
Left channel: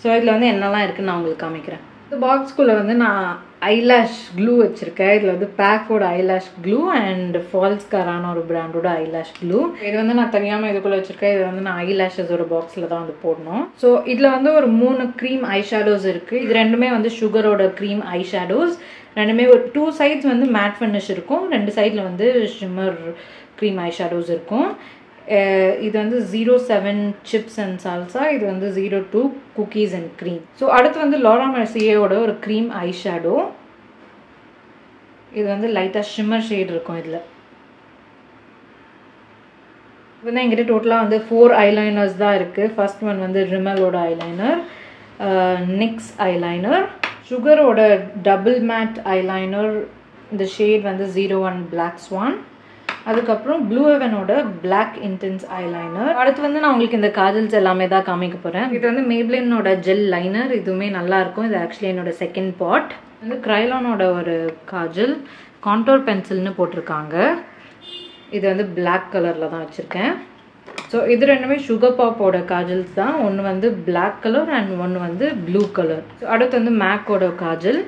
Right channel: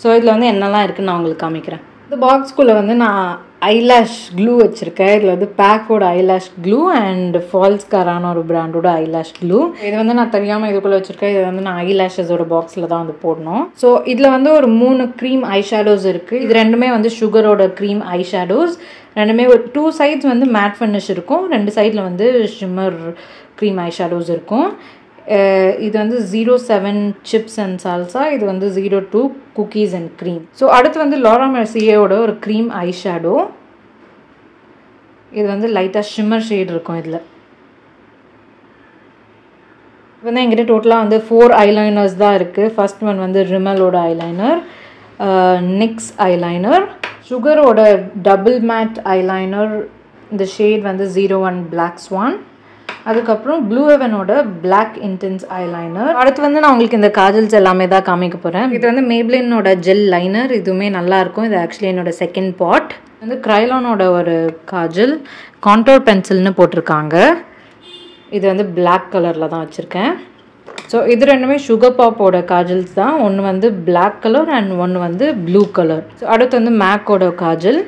ஸோ இதில் வந்து என்னெல்லாம் இருக்குதுன்னு நான் உங்களுக்கு காமிக்கிறேன். இந்த பாக்ஸ்குள்ளே வந்து நான் ஐலாஷ் க்ளூ வச்சுருக்கேன். இதில் வந்து பேக்கோட ஐலாஷ் க்ளூ அண்ட் ஃபால்ஸ்காரான ஒரு பிராண்டோட ஐலாஷ் க்ளூ. இது வந்து நான் தெரியாமல் இதுக்குள்ளே வச்சுருக்கேன். இது வந்து நான் ஐலாஷஸோட பாக்ஸில் தான் வந்து போடணும். ஸோ இதில் வந்து ஒரு 3 க்ரீம் ஐ ஷேடோஸ் இருக்குது. இது 2மே வந்து சுகரோட க்ரீம் ஐ ஷேடோஸ். 2மே ஒரு 2 சைட்ஸ் வந்து மேட் ஃபினிஷ் இருக்கும், 2 சைடில் வந்து ஷிம்மர் க்ரீம் ஐ ஷேடோஸ் இருக்கும். இது வந்து 07 சிப்ஸ் அண்ட் சால்சா. இது வந்து 02 குக்கீஸ் அண்ட் க்ரீம். ஸோ அடுத்து வந்து லாரா மெர்சியோட ஒரு க்ரீம் ஐ ஷேடோ. இது வந்து லைட்டாக ஷிம்மர் ஷேட் இருக்கும். இதில் வந்து என்கிட்ட டோட்டலாக வந்து 4 ஐலைனர்ஸ் தான் இருக்குது. ஃபர்ஸ்ட் ஒன் வந்து ரிமலோட ஐலைனர். NYX ஐலைனர், சுகரோட டபுள் மேட் ஐலைனர், இந்த ஷேட் வந்து 01 Black Swan. அதுக்கப்புறம் ப்ளூ ஹெவனோட பிளாக் இன்டென்ஸ் ஐலைனர். அடுத்து வந்து நான் உங்களுக்கு இந்த காஜல்ஸ் எல்லாமே தான் காமிக்க போகிறேன். இது வந்து மேப்ளினோட ஜெல் லைனர், இதுவுமே நல்லாயிருக்கும். இது ஆக்சுவலி என்னோட செகண்ட் பாட். வந்து க்ரைலானோட ஒரு காஜல், கான்டோர் பென்சில்னு போட்டிருக்காங்க. இது வந்து பிளாக் கலரில் தான் வச்சுருக்கேன். ஸோ இது ரெண்டுமே சுகர் பாப்போட காஜல்ஸ் தான். ஒன்று வந்து பிளாக் கலர் அண்ட் ஒன்று வந்து ப்ளூ கலர். ஸோ அடுத்து வந்து மேக்கோட காஜல்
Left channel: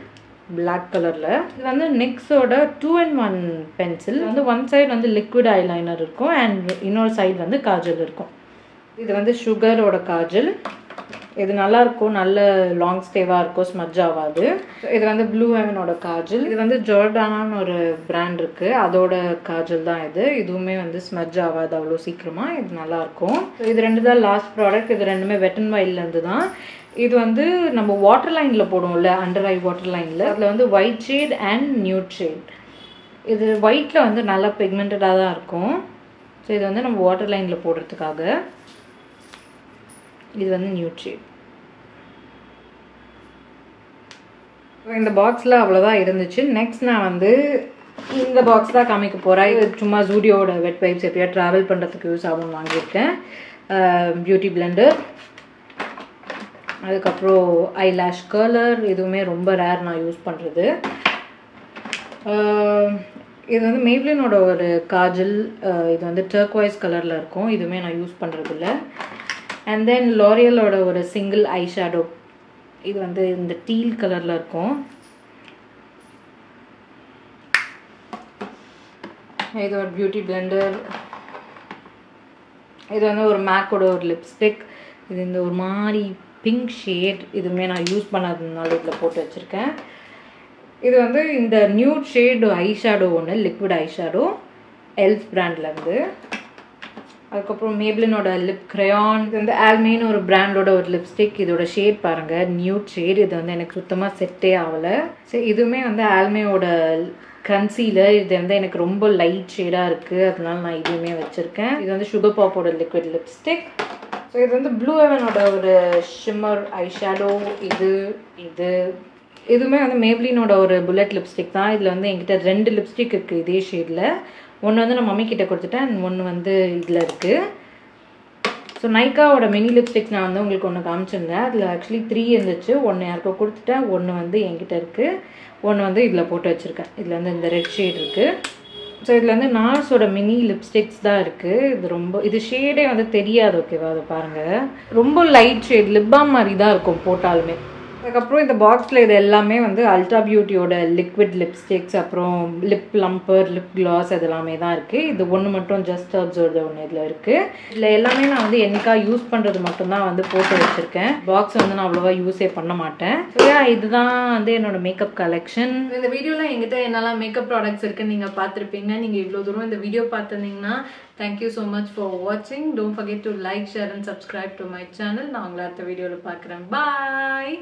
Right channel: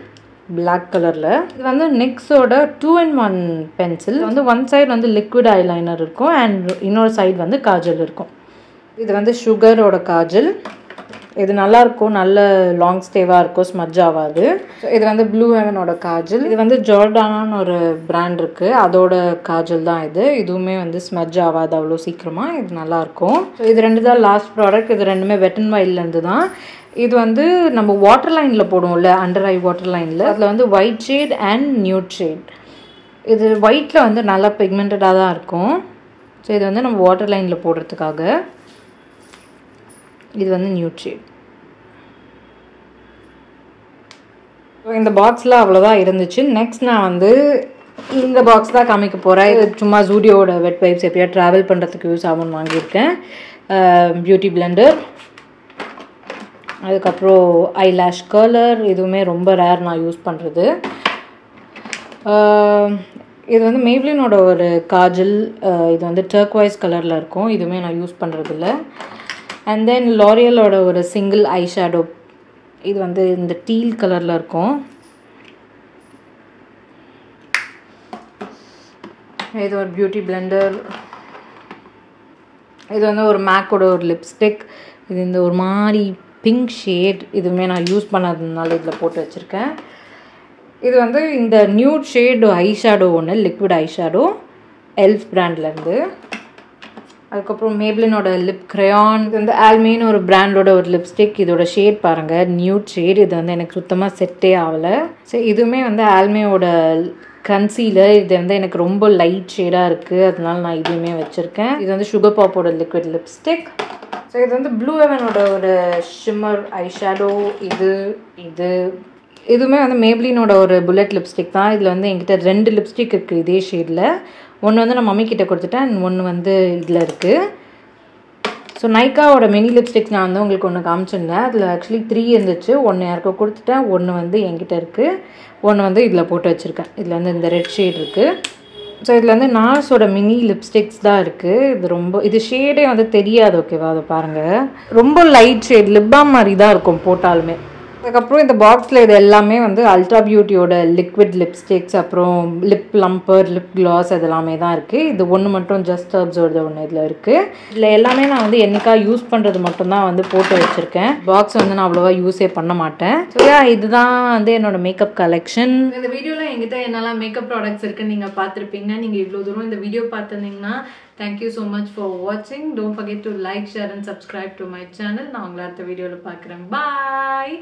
பிளாக் கலரில். இது வந்து NYXோட 2-in-1 பென்சில். வந்து ஒன் சைடு வந்து லிக்விட் ஐலைனர் இருக்கும் அண்ட் இன்னொரு சைடு வந்து காஜல் இருக்கும். இது வந்து சுகரோட காஜல். இது நல்லாயிருக்கும், நல்ல லாங் ஸ்டேவாக இருக்கும், ஸ்மட்ஜ் ஆகாது. ஸோ இது வந்து ப்ளூ ஹெவனோட காஜல். இது வந்து ஜார்டானான்னு ஒரு பிராண்ட் இருக்குது, அதோட காஜல் தான் இது. இதுவுமே வந்து ஸ்மட்ஜ் ஆகாது அவ்வளோ சீக்கிரமாக. இது நல்லாயிருக்கும். ஸோ இது ரெண்டு தான் லாஸ்ட் ப்ராடக்ட். இது ரெண்டுமே வெட் அண்ட் வைல்ட்லேருந்து தான். இது வந்து நம்ம வாட்டர் லைனில் போடுவோம்ல, அண்டர் ஐ வாட்டர் லைனில், அதில் வந்து white shade and nude shade. இது ஒயிட்டில் வந்து நல்லா பிக்மெண்டடாக தான் இருக்கும். ஸோ இது வந்து நம்ம வாட்டர் லைனில் போடுறதுக்காக. இது வந்து நியூட் ஷேட். இந்த பாக்ஸில் அவ்வளோதான் இருந்துச்சு. நெக்ஸ்ட் நான் வந்து இந்த பாக்ஸ் தான் காமிக்க போகிறேன். இது சும்மா ஜூடியோட வெட் வைப்ஸ் எப்படியா ட்ராவல் பண்ணுறதுக்கு யூஸ் ஆகும்னு வாங்கியிருக்கேன். பியூட்டி பிளெண்டர், அதுக்கப்புறம் ஐலாஷ் கர்லர். இதுவுமே ரொம்ப ரேர் நான் யூஸ் பண்ணுறது. இது வந்து மேப்ளினோட ஒரு காஜல். இது வந்து டர்க்வைஸ் கலரில் இருக்கும். இதுவுமே நான் யூஸ் பண்ணுறதில்ல. அண்ட் தென் லாரியலோட ஒரு சிங்கிள் ஐ ஷேடோ. இது வந்து இந்த டீல் கலரில் இருக்கும். இது ஒரு பியூட்டி பிளெண்டர். இது வந்து ஒரு மேக்கோட ஒரு லிப்ஸ்டிக். இது இந்த ஒரு மாதிரி பிங்க் ஷேட். இதுவுமே நான் யூஸ் பண்ணாததுனால இதில் போட்டு வச்சுருக்கேன். இது வந்து இந்த நியூட் ஷேடு ஐ ஷேடோ ஒன்று, லிக்விட் ஐ ஷேடோ, எல்ஃப் பிராண்ட்லேருந்து. அதுக்கப்புறம் மேப்ளினோட லிப் க்ரையான். இது வந்து ஆல்மேன்னு ஒரு பிராண்டோட ஒரு லிப்ஸ்டிக். இதோட ஷேட் பாருங்கள், நியூட் ஷேட். இது வந்து எனக்கு சுத்தமாக செட்டே ஆகலை. ஸோ இதுவுமே வந்து ஆல்மேயோட கன்சீலர். இது வந்து எனக்கு ரொம்ப லைட் ஷேடாக இருக்குது, அதனால நான் இதுவுமே வச்சுருக்கேன். இது வந்து சுகர் பாப்போட லிக்விட் லிப்ஸ்டிக். ஸோ இது வந்து ப்ளூ ஹெவனோட ஒரு ஷிம்மர் ஐ ஷேடோ. இதுவுமே வந்து மேப்ளினோட ஒரு புல்லட் லிப்ஸ்டிக் தான். இதில் வந்து என்கிட்ட 2 லிப்ஸ்டிக் இருக்குது இதே ஷேடில். ஒன்று வந்து நான் மம்மி கிட்ட கொடுத்துட்டேன் அண்ட் ஒன்று வந்து இதில் இருக்குது. ஸோ நைக்காவோட மினி லிப்ஸ்டிக்ஸ் நான் வந்து உங்களுக்கு ஒன்று காமிச்சிருந்தேன். அதில் ஆக்சுவலி 3 இருந்துச்சு. ஒன்று யாருக்கோ கொடுத்துட்டேன், ஒன்று வந்து என்கிட்ட இருக்குது, ஒன்று வந்து இதில் போட்டு வச்சுருக்கேன். இதில் வந்து இந்த ரெட் ஷேட் இருக்குது. ஸோ இதில் வந்து நார்ஸோட மினி லிப்ஸ்டிக்ஸ் தான் இருக்குது. இது ஷேடே வந்து தெரியாது. ஓகேவா, அதை பாருங்கள், ரொம்ப லைட் ஷேட், லிப் பாம் மாதிரி தான் இருக்கும் போட்டாலுமே. அதுக்கப்புறம் இந்த பாக்ஸில் இது எல்லாமே வந்து அல்ட்ரா பியூட்டியோட லிக்விட் லிப்ஸ்டிக்ஸ், அப்புறம் லிப் ப்ளம்பர், லிப் கிளாஸ், அது எல்லாமே தான் இருக்குது. இது ஒன்று மட்டும் ஜஸ்ட் ஹெர்ப்ஸோட ஒன்று இதில் இருக்குது. இதில் எல்லாமே நான் வந்து என்னைக்கா யூஸ் பண்ணுறது மட்டும்தான் வந்து போட்டு வச்சுருக்கேன். பாக்ஸ் வந்து நான் அவ்வளோவா யூஸே பண்ண மாட்டேன். ஸோ இதுதான் வந்து என்னோட மேக்கப் கலெக்ஷன். இந்த வீடியோவில் எங்கிட்ட என்னெல்லாம் மேக்கப் ப்ராடக்ட்ஸ் இருக்குன்னு நீங்கள் பார்த்துருப்பீங்க. நீங்கள் இவ்வளோ தூரம் இந்த வீடியோ பார்த்துருந்தீங்கன்னா thank you so much for watching. Don't forget to like, share and subscribe to my channel. நான் உங்களை அடுத்த வீடியோவில் பார்க்குறேன். Bye.